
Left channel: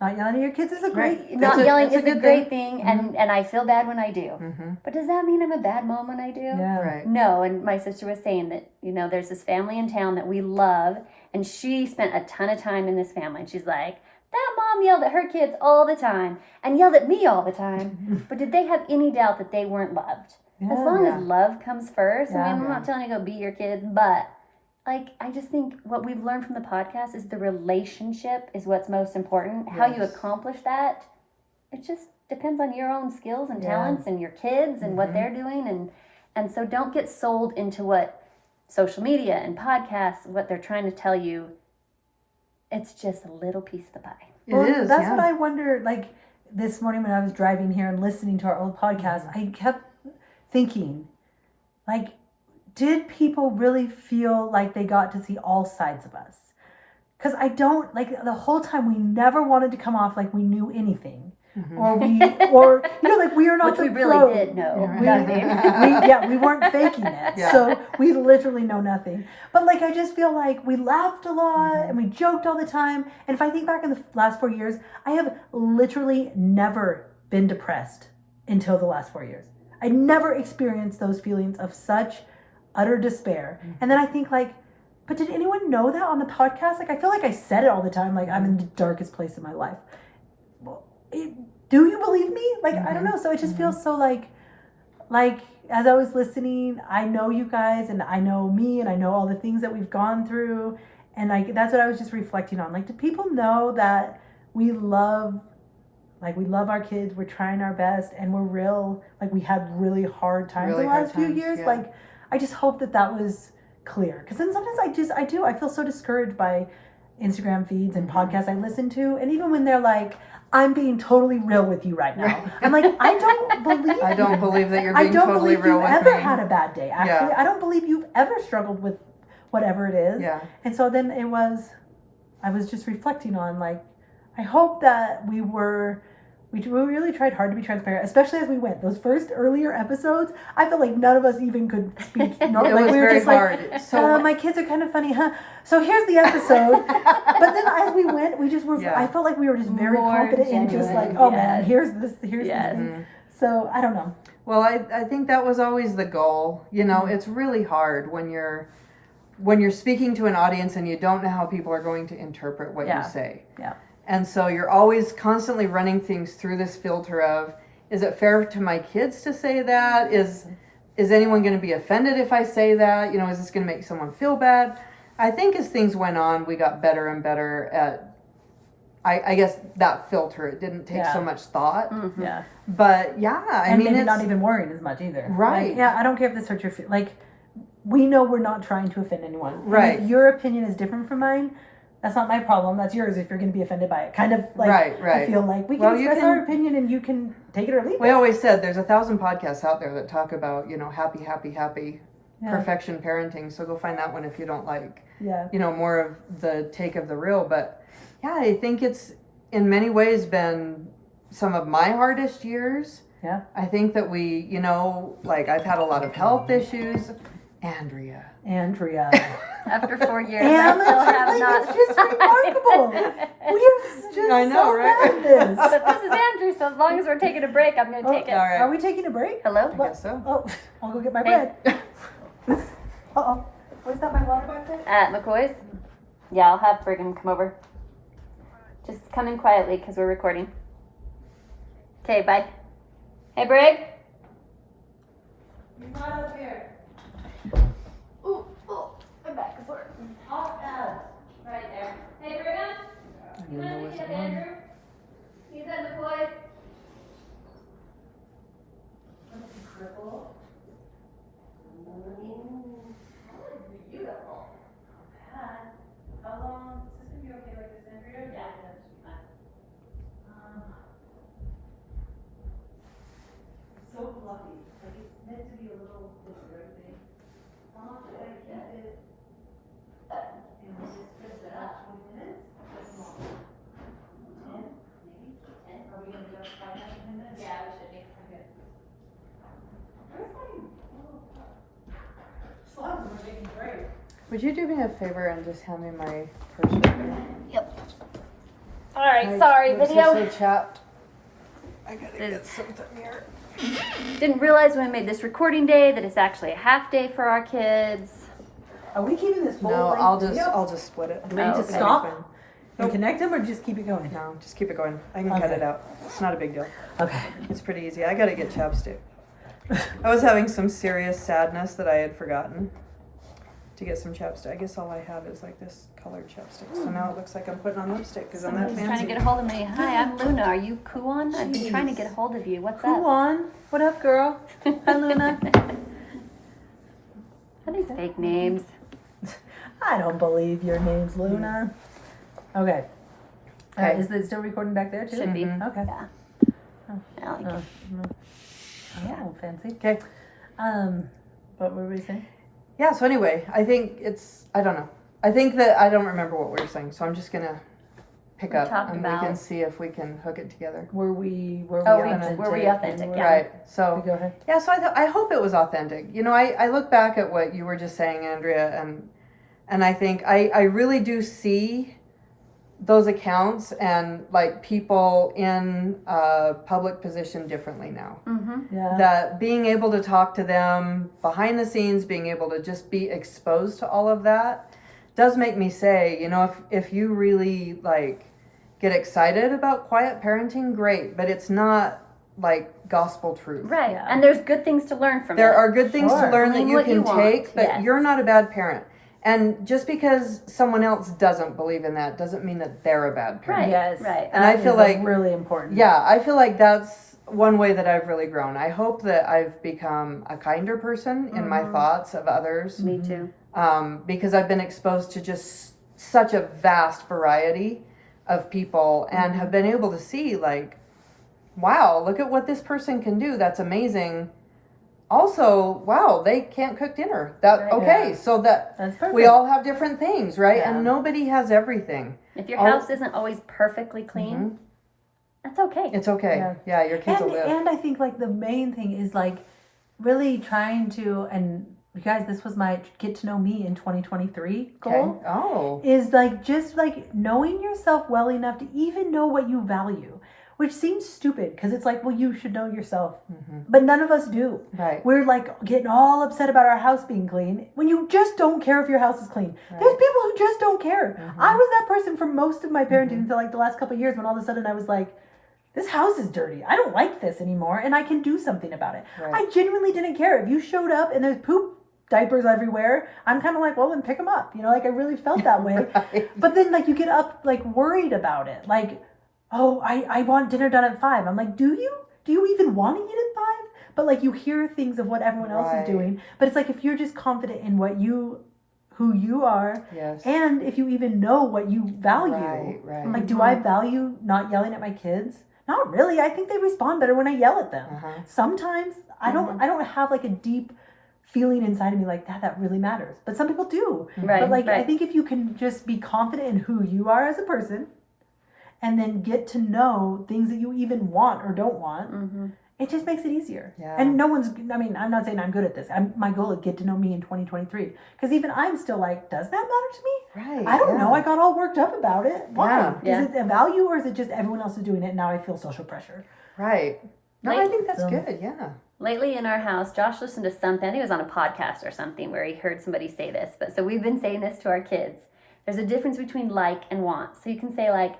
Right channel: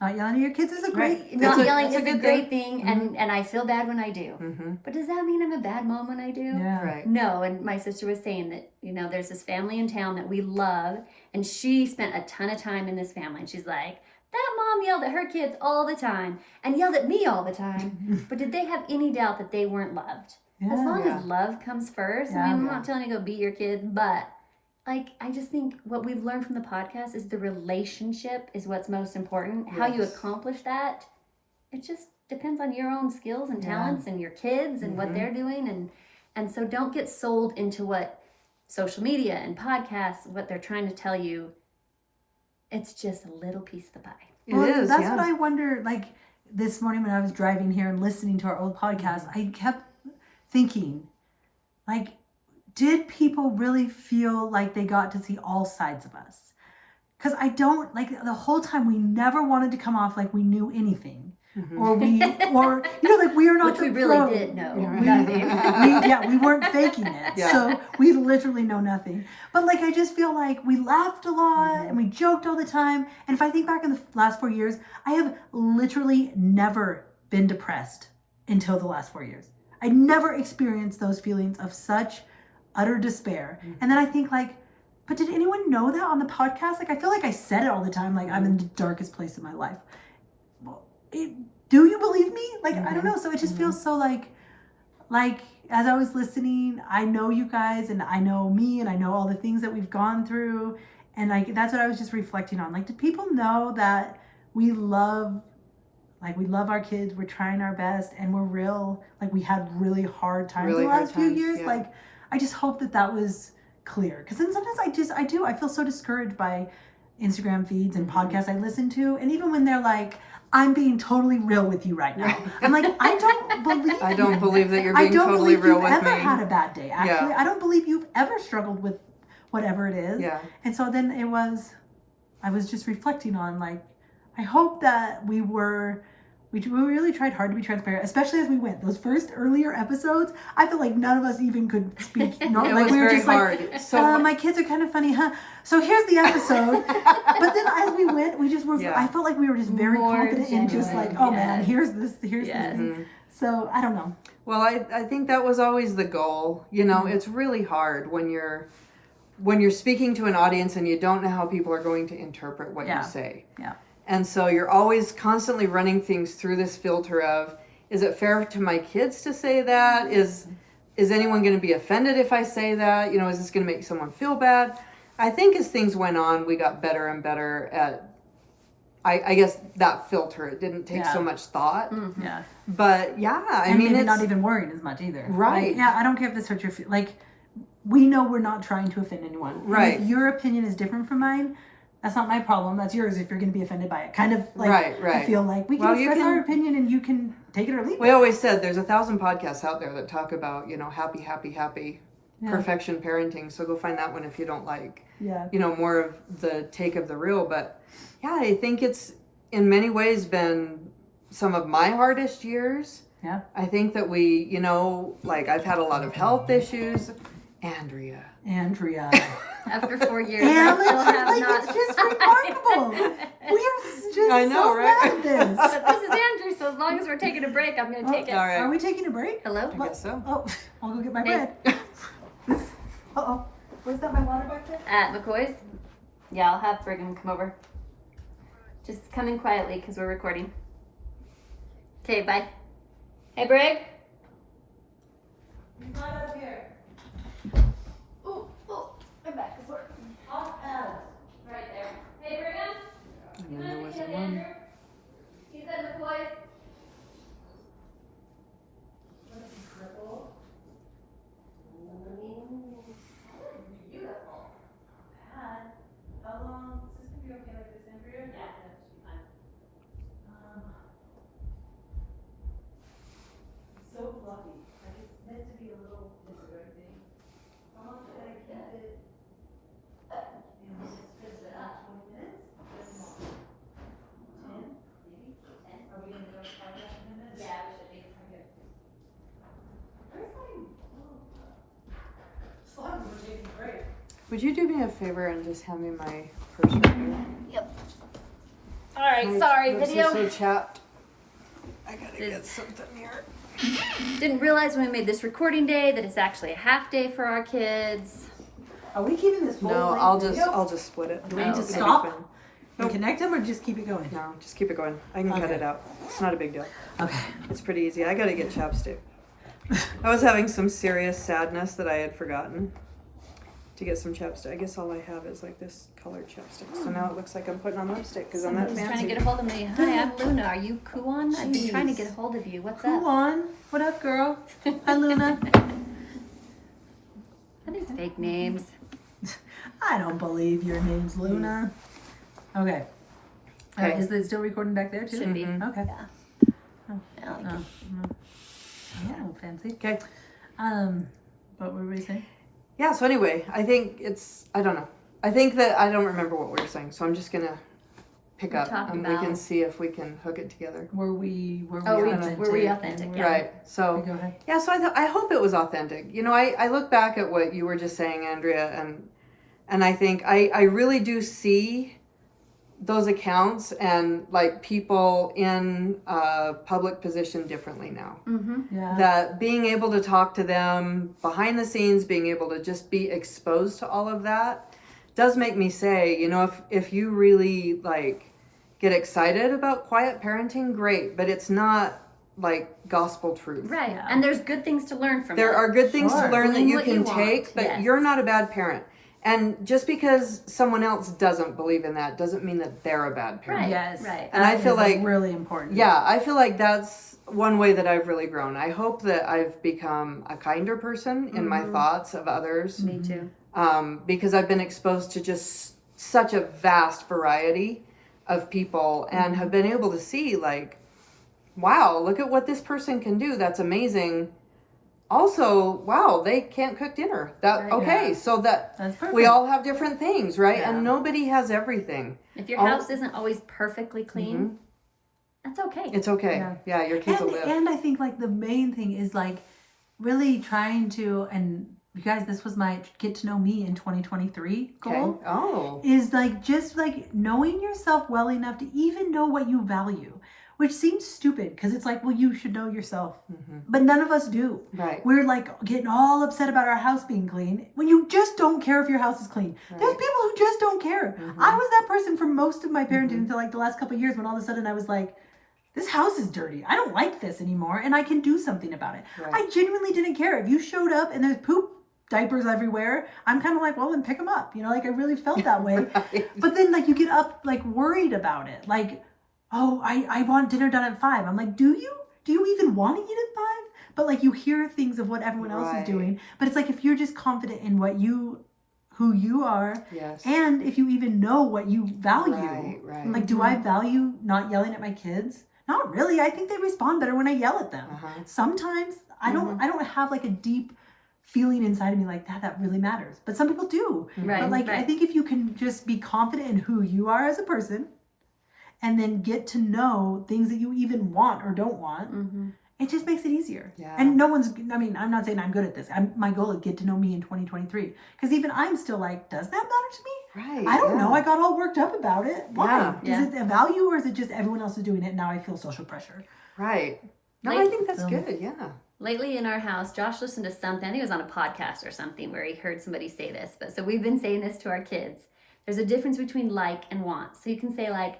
Not yelling at your kids is a great not yelling is it's a a good great thing, and I feel bad when I do. Mm-hmm. But does that mean I'm a bad mom when I do? Yeah. Right. No, and my sister was saying that, there's this family in town that we love, and she spent a ton of time in this family, and she's like, that mom yelled at her kids all the time, and yelled at me all the time, but did they have any doubt that they weren't loved? As long as love comes first, I mean, I'm not telling you to go beat your kids, but I just think what we've learned from the podcast is the relationship is what's most important. How you accomplish that, it just depends on your own skills and talents and your kids and what they're doing. And so don't get sold into what social media and podcasts, what they're trying to tell you. It's just a little piece of the pie. Well, It is. that's what I wonder. Like this morning when I was driving here and listening to our old podcast, I kept thinking, like, did people really feel like they got to see all sides of us? Because I don't, like, the whole time we never wanted to come off like we knew anything. or like we are not Which the we pro. really did know. We, we weren't faking it. Yeah. So we literally know nothing. But like I just feel like we laughed a lot and we joked all the time. And if I think back in the last 4 years, I have literally never been depressed until the last 4 years. I never experienced those feelings of such utter despair. And then I think like, but did anyone know that on the podcast? Like I feel like I said it all the time, like I'm in the darkest place in my life. Well, do you believe me? Like I don't know. So it just feels so like as I was listening, I know you guys and I know me and I know all the things that we've gone through, and like that's what I was just reflecting on. Like, do people know that we love our kids, we're trying our best, and we're real, like we had really hard times Really in the hard last few times, years. yeah. Like I just hope that was clear, because then sometimes I feel so discouraged by Instagram feeds and podcasts I listen to, and even when they're like, I'm being totally real with you right now, I'm like, I don't believe I don't you. believe that you're I being don't totally believe real you've with ever me. had a bad day. Actually, Yeah. I don't believe you've ever struggled with whatever it is. Yeah. And so then I was just reflecting on like, I hope that we really tried hard to be transparent, especially as we went. Those first earlier episodes, I felt like none of us even could speak. It Like was we were very just like, hard. So my kids are kind of funny, huh? So here's the episode. But then as we went, we just were. Yeah. I felt like we were just very More confident in just genuine, like, oh man, yes. here's this Yes. thing. So I don't know. Well, I think that was always the goal. You know, it's really hard when you're speaking to an audience and you don't know how people are going to interpret what Yeah. you say. Yeah. And so you're always constantly running things through this filter of, is it fair to my kids to say that? Is anyone going to be offended if I say that? You know, is this going to make someone feel bad? I think as things went on, we got better and better at, I guess, that filter. It didn't take so much thought. Yeah. But yeah, I And mean, maybe it's, not even worrying as much either. Right. Like, yeah, I don't care if this hurts your like. We know we're not trying to offend anyone. And Right. if your opinion is different from mine, that's not my problem. That's yours if you're going to be offended by it. Kind of like Right. I feel like we can Well, you express can- our opinion and you can take it or leave We it. always said there's 1,000 podcasts out there that talk about, you know, happy, Yeah. perfection parenting. So go find that one if you don't like, Yeah. you know, more of the take of the real. But yeah, I think it's in many ways been some of my hardest years. Yeah. I think that we, you know, like I've had a lot of health issues. Andrea. After 4 years, And I still it's have like, not. it's just remarkable. We're just I know, so right? bad at this. This is Andrew, so as long as we're taking a break, I'm going to take it. All right. Are we taking a break? Hello? I guess so. Oh, I'll go get my Hey. bread. Uh-oh. Where's that my water back there? At McCoy's? Yeah, I'll have Brigham come over. Just come in quietly because we're recording. Okay, bye. Hey, Brig? He's not up here. Ooh, I'm back. Off Alice. Right there. Hey, Brigham? You And there want was to the see one. Andrew? He's at McCoy's. Beautiful. How long? Is this gonna be okay like this, Andrea? Yeah. It's so fluffy. Like it's meant to be a little this or everything. How much should I keep it? And just put it up 20 minutes? What's more? 10? Maybe? 10? Are we gonna go 5 minutes, 10 minutes? Yeah, we should be. Okay. Where's my? Slow, we're taking a break. Would you do me a favor and just hand me my purse right there? Alright, My sorry, lips are video. so chapped. I gotta This- get something here. Didn't realize when we made this recording day that it's actually a half day for our kids. Are we keeping this full? No, length I'll video? just split it. Do we need to Okay. stop and connect them or just keep it going? No, just keep it going. I can cut Okay. it out. It's not a big deal. Okay. It's pretty easy. I gotta get chapstick. I was having some serious sadness that I had forgotten to get some chapstick. I guess all I have is like this colored chapstick. So now it looks like I'm putting on lipstick because I'm that Someone's trying to fancy. get a hold of me. Hi, I'm Luna. Are you Kuon? I've been trying to Jeez. get a hold of you. What's Go up? on. What up, girl? Hi, Luna. Are these fake names? I don't believe your name's Luna. Okay. Okay. Is it still recording back there too? Should be. Mhm. Okay. Yeah. Oh. Yeah, like Oh, oh, fancy. Okay. What were we saying? Yeah, so anyway, I think I don't know. I think that I don't remember what we were saying, so I'm just gonna pick We up talked and we can about- see if we can hook it together. Were we Oh, authentic? were we authentic? Yeah. Right. So Go ahead. yeah, so I hope it was authentic. You know, I look back at what you were just saying, Andrea, and I think I really do see those accounts and like people in a public position differently now. Mm-hmm. Yeah. That being able to talk to them behind the scenes, being able to just be exposed to all of that does make me say, you know, if you really like get excited about quiet parenting, great, but it's not like gospel truth. Right. Yeah. And there's good things to learn from There it. are good things Sure. to learn that Learn you what can you want, take, but yes. you're not a bad parent. And just because someone else doesn't believe in that doesn't mean that they're a bad parent. Right. Yes. Right. And I That feel is like- really important. Yeah, I feel like that's one way that I've really grown. I hope that I've become a kinder person in my thoughts of others, Me too. because I've been exposed to just such a vast variety of people and have been able to see like, wow, look at what this person can do. That's amazing. Also, wow, they can't cook dinner. That Right. okay, Yeah. so that That's perfect. we all have different things, right? Yeah. And nobody has everything. If your All- house isn't always perfectly clean, that's okay. It's okay. Yeah. Yeah, your kids will live. And I think like the main thing is like really trying to, and you guys, this was my get to know me in 2023 goal. Okay. Oh. Is like just like knowing yourself well enough to even know what you value, which seems stupid because it's like, well, you should know yourself, but none of us do. Right. We're like getting all upset about our house being clean when you just don't care if your house is clean. There's people who just don't care. I was that person for most of my parenting until like the last couple of years when all of a sudden I was like, this house is dirty. I don't like this anymore and I can do something about it. Right. I genuinely didn't care. If you showed up and there's poop diapers everywhere, I'm kind of like, well, then pick them up. You know, like I really felt that way. Right. But then like you get up like worried about it. Like, oh, I want dinner done at 5. I'm like, do you even want to eat at 5? But like you hear things of what everyone else Right. is doing. But it's like if you're just confident in who you are, Yes. and if you even know what you value. Right, right. Like, do I value not yelling at my kids? Not really. I think they respond better when I yell at them. Uh-huh. Sometimes I don't have like a deep feeling inside of me like that really matters. But some people do. Right. But like I right. think if you can just be confident in who you are as a person and then get to know things that you even want or don't want, Mhm. it just makes it easier. Yeah. And I'm not saying I'm good at this. My goal is get to know me in 2023. Because even I'm still like, does that matter to me? Right. I don't yeah. know. I got all worked up about it. Why? Yeah. Is it a value or is it just everyone else is doing it and now I feel social pressure? Right. No, I Like- think that's So- good. Yeah. Lately in our house, Josh listened to something. I think it was on a podcast or something where he heard somebody say this. But so we've been saying this to our kids. There's a difference between like and want. So you can say like,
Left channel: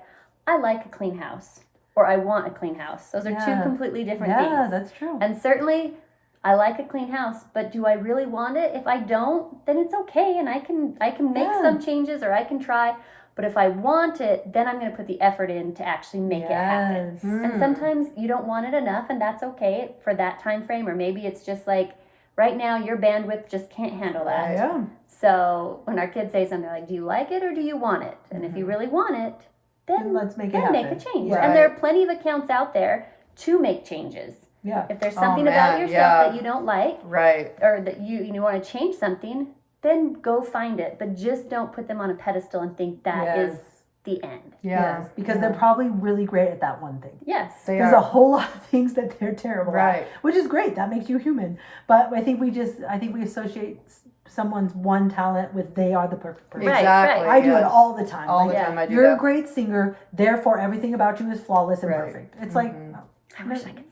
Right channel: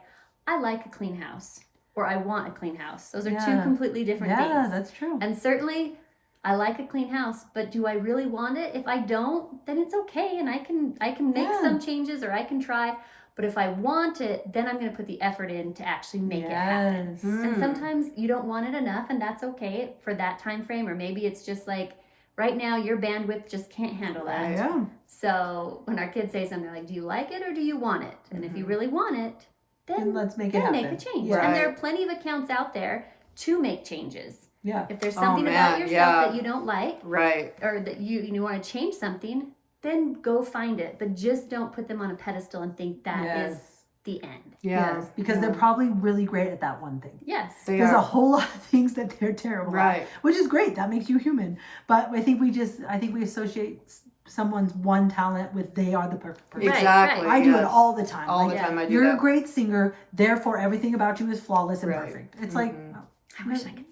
I like a clean house, or I want a clean house. Those are two Yeah. completely different Yeah, things. that's true. And certainly, I like a clean house, but do I really want it? If I don't, then it's okay, and I can make Yeah. some changes or I can try. But if I want it, then I'm going to put the effort in to actually make it happen. Yes. And sometimes you don't want it enough, and that's okay for that time frame. Or maybe it's just like right now your bandwidth just can't handle that. Yeah. So when our kids say something like, "Do you like it or do you want it?" And if you really want it, Then then let's make it then happen. make a change. Yeah. And there are plenty of accounts out there to make changes. Yeah. If there's Oh, something man, about yourself yeah. that you don't like, Right. or that you want to change something, then go find it. But just don't put them on a pedestal and think that is Yes. the end. Yeah. Yes. Because yeah. they're probably really great at that one thing. Yes. They There's are. a whole lot of things that they're terrible Right. at, which is great. That makes you human. But I think we associate someone's one talent with they are the perfect person. Right, Exactly. I do it yes. all the time. All Like, the time. I do you're that. a great singer, therefore everything about you is flawless and Right. perfect. It's like, I wish I could sing.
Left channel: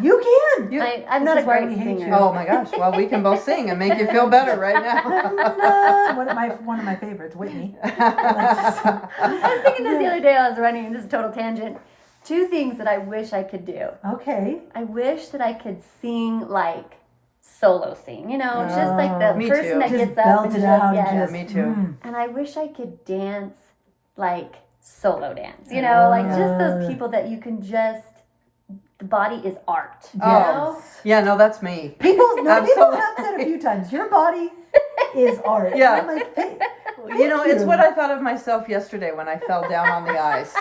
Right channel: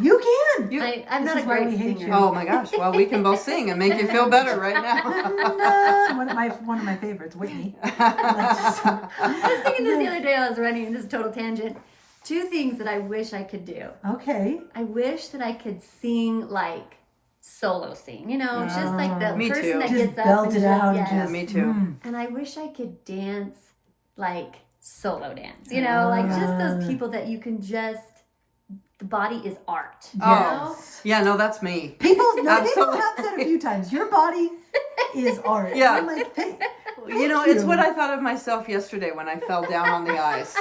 you can. I'm This not is a why great we hate singer. you. Oh my gosh. Well, we can both sing and make you feel better right now. one of my favorites, Whitney. I was thinking this the other day. I was running this total tangent. 2 things that I wish I could do. Okay. I wish that I could sing like solo sing. You know, just like the Me person too. that Just gets up belt and it out. yes. Just, me too. And I wish I could dance like solo dance. You know, like just those people that you can just. The body is art. You know? Yes. Yeah, no, that's me. People Absolutely. have said a few times, your body is art. Yeah. And I'm like, hey, You know, thank it's what I thought of myself yesterday when I fell down on the ice.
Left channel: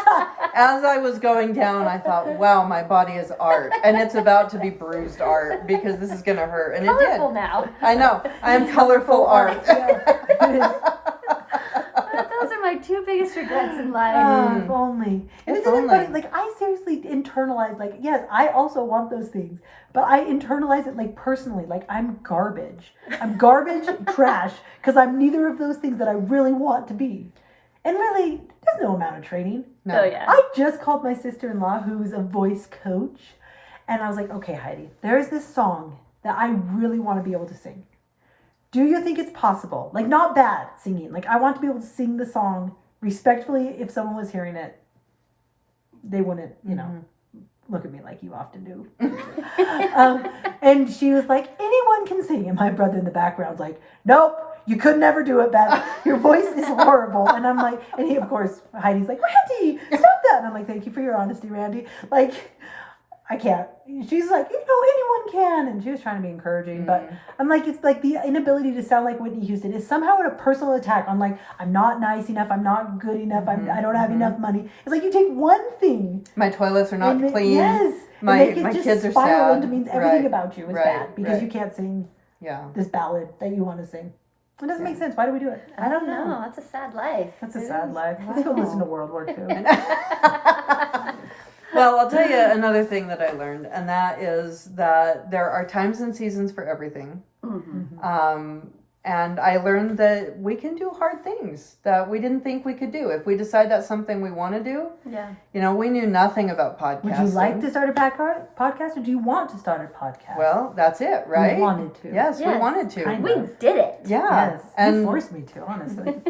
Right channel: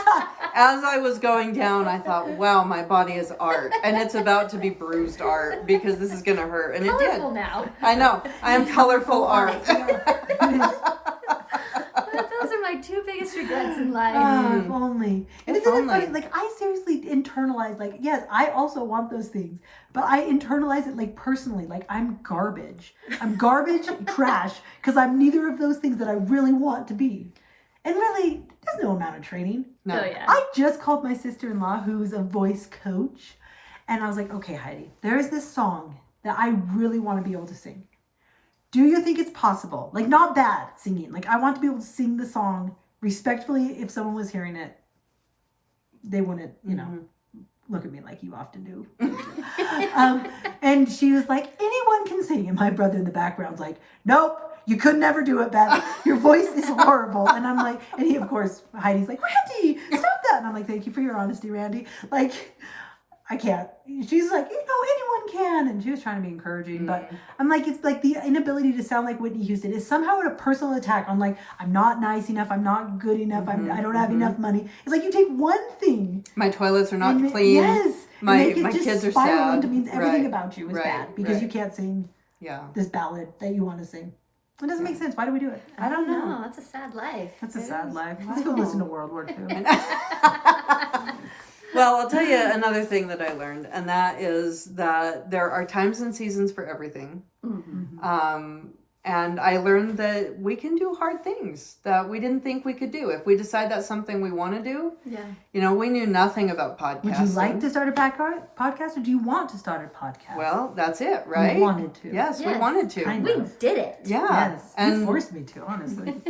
As I was going down, I thought, wow, my body is art. And it's about to be bruised art because this is going to hurt. And it did. Colorful now. I know. I am colorful art. Yeah, it is. Those are my our two biggest regrets in life. If only. And If isn't it funny? only. Like, I seriously internalize, like, yes, I also want those things, but I internalize it, like, personally. Like, I'm garbage. I'm garbage, trash, because I'm neither of those things that I really want to be. And really, there's no amount of training. No. Oh yeah. I just called my sister-in-law, who's a voice coach, and I was like, okay, Heidi, there is this song that I really want to be able to sing. Do you think it's possible? Like, not bad singing. Like, I want to be able to sing the song respectfully. If someone was hearing it, they wouldn't, look at me like you often do. And she was like, anyone can sing. And my brother in the background's like, nope, you could never do it, Beth. Your voice is horrible. And I'm like, and he, of course, Heidi's like, Randy, stop that. And I'm like, thank you for your honesty, Randy. Like, I can't. She's like, anyone can. And she was trying to be encouraging. But I'm like, it's like the inability to sound like Whitney Houston is somehow a personal attack on, like, I'm not nice enough. I'm not good enough. I don't have enough money. It's like you take one thing. My toilets are not and clean. Yes. My- and make it my just kids are spiral sad. into means everything Right. about you is Right. bad because Right. you can't sing Yeah. this ballad that you want to sing. It doesn't make sense. Why do we do it? I don't know. That's a sad life. That's a sad life. Let's go listen to World War II. Well, I'll tell you another thing that I learned, and that is that there are times and seasons for everything. Mm-hmm. And I learned that we can do hard things that we didn't think we could do. If we decide that's something we want to do, Yeah. we knew nothing about podcasting. Would you like to start a podcast, or do you want to start a podcast? Well, that's it, right? We wanted to. Yes, we Yes. wanted to. Kind We of. did it. Yeah. Yes. And You forced me to, honestly.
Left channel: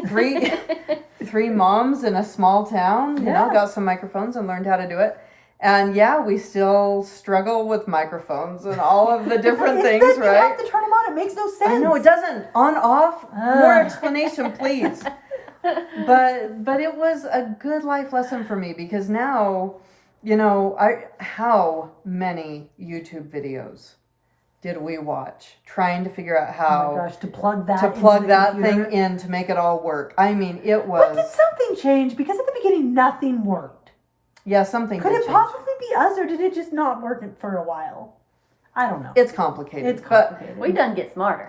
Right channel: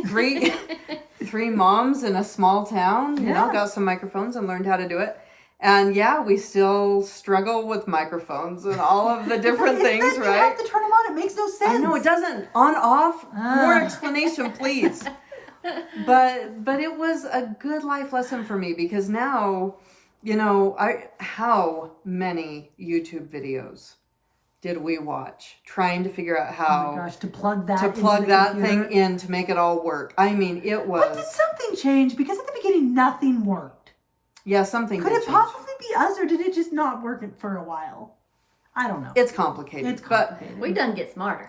three moms in a small town, Yeah. got some microphones and learned how to do it. And yeah, we still struggle with microphones and all of the different It's things, that right? You have to turn them on. It makes no sense. I know it doesn't. On off. More Ah. explanation, please. But it was a good life lesson for me because now, how many YouTube videos did we watch trying to figure out Oh how my gosh, to plug that to into plug the that computer. thing in to make it all work? I mean, it But did was something change? Because at the beginning, nothing worked. something. Could did it change. possibly be us, or did it just not work for a while? I don't know. It's complicated. It's but complicated. We done get smarter.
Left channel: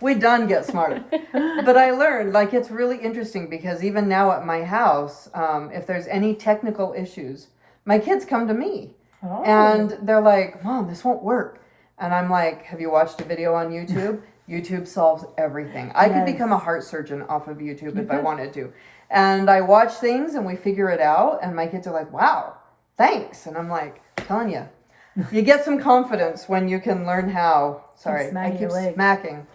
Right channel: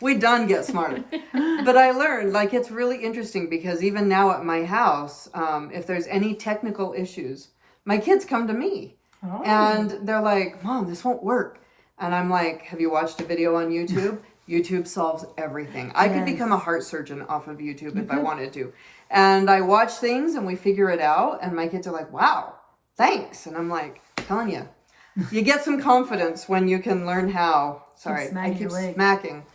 we done get smarter. But I learned, like, it's really interesting because even now at my house, if there's any technical issues, my kids come to me Oh. and they're like, Mom, this won't work. And I'm like, have you watched a video on YouTube? YouTube solves everything. I could Yes. become a heart surgeon off of YouTube You if I could. wanted to. And I watch things and we figure it out. And my kids are like, wow, thanks. And I'm like, telling you, you get some confidence when you can learn how. Sorry, I smacking keep your leg. smacking.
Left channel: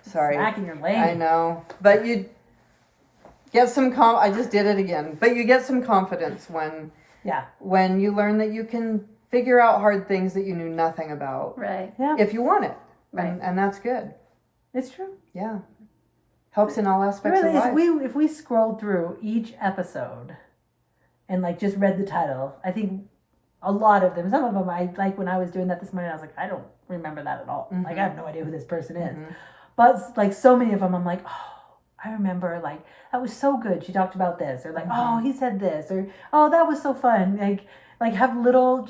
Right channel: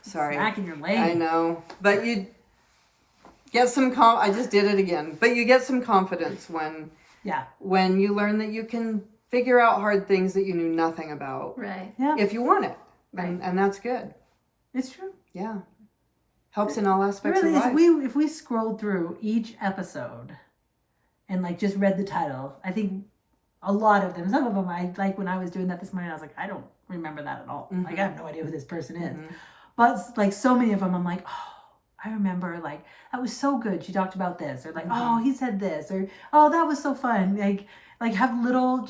Sorry. Smacking your leg. I know. But you get some I just did it again. But you get some confidence Yeah. when you learn that you can figure out hard things that you knew nothing about Right. Yeah. if you want it. Right. And that's good. It's true. Yeah. Helps in all It aspects really of is. life. If we scrolled through each episode and like just read the title, I think a lot of them, some of them, I like when I was doing that this morning, I was like, I don't remember that at all. Like I have no idea who this person is. But like so many of them, I'm like, oh, I remember, like, that was so good. She talked about this, or like, oh, he said this, or oh, that was so fun. Like have little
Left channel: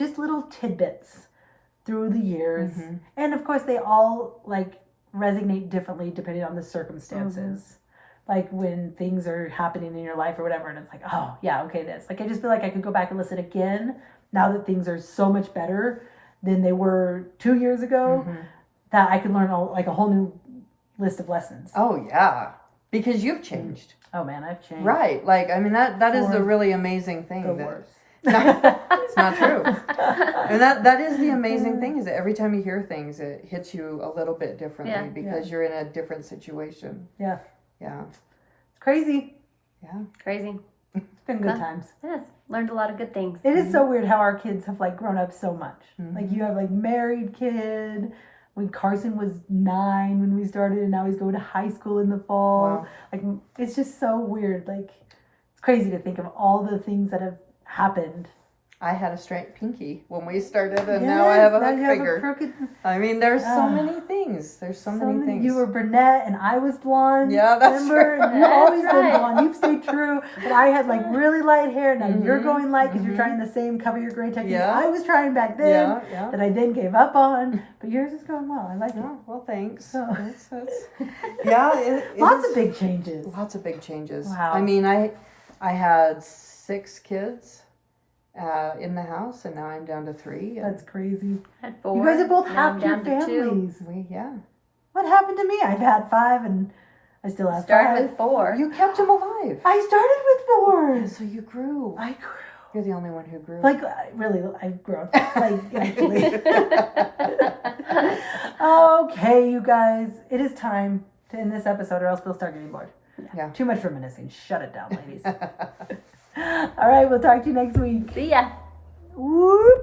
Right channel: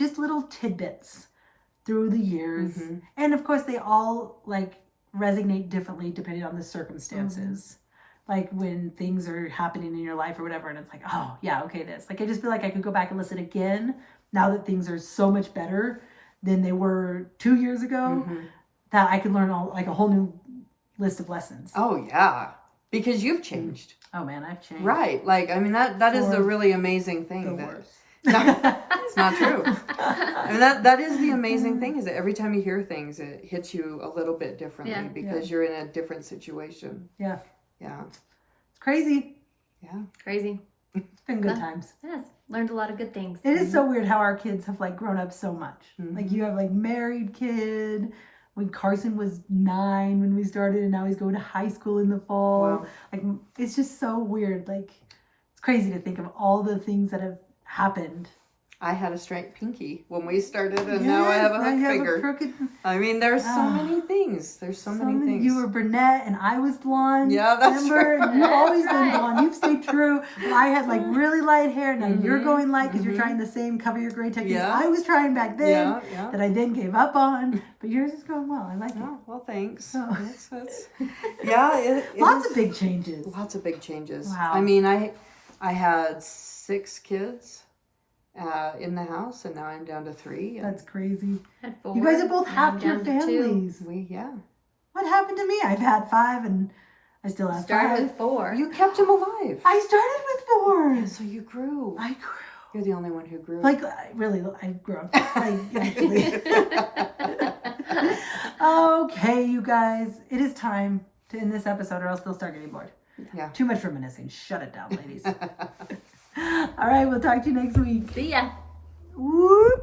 tidbits through the years. And of course they all like resonate differently depending on the circumstances. Like when things are happening in your life or whatever, and it's like, oh yeah, okay, this. Like I just feel like I could go back and listen again now that things are so much better than they were 2 years ago, that I could learn a whole new list of lessons. Oh, yeah. Because you've changed. Oh man, I've changed. Right. Like, I mean, that is For the really amazing thing. The that- worst. It's not true. And that is the amazing thing is that every time you hear things, it hits you a little bit differently Yeah. because you're in a different situation. Yeah. Yeah. It's crazy. Yeah. Crazy. It's been good Huh? times. Yes. Learned a lot of good things. It is so weird how our kids have like grown up so much. Like you have like married kid. When Carson was 9 when we started, and now he's going to high school in the fall. Wow. Like it's just so weird. Like it's crazy to think of all the things that have happened I had a straight pinky when we started, and now I have a now hook you have finger. a crooked. I mean, there's so Ah. many things. There's so many things. You were brunette and I was blonde. Yeah, that's remember? right. And you've always been Right. blonde. You've stayed true. But I had like really light hair. Now you're Mhm, going light because you're mhm. trying the same cover your gray technique Yeah. I was trying back then. Yeah, yeah. That I then gave up on. But yours is going well. I like it. Oh, well, thanks. So- It's- yeah, it Lots is- of big changes. Lots of big changes. Wow. I mean, I had 6 kids in the house, and now I'm down to 3. And That's crazy. Had 4, You guys have both now I'm halved your down to 2. families. yeah. What happened to me? I've had 5 and I still have Started 5. with 4. You kept them alive. I started with 4. So you grew. I grew. You're the only one who grew. Like, really, I've grown. Like, actually. Okay, you guys. It is time to end this episode or else they'll start getting bored. Yeah. Too much reminiscing. Shut it down, ladies. All right, we'll talk to you next week. See ya. Whoop.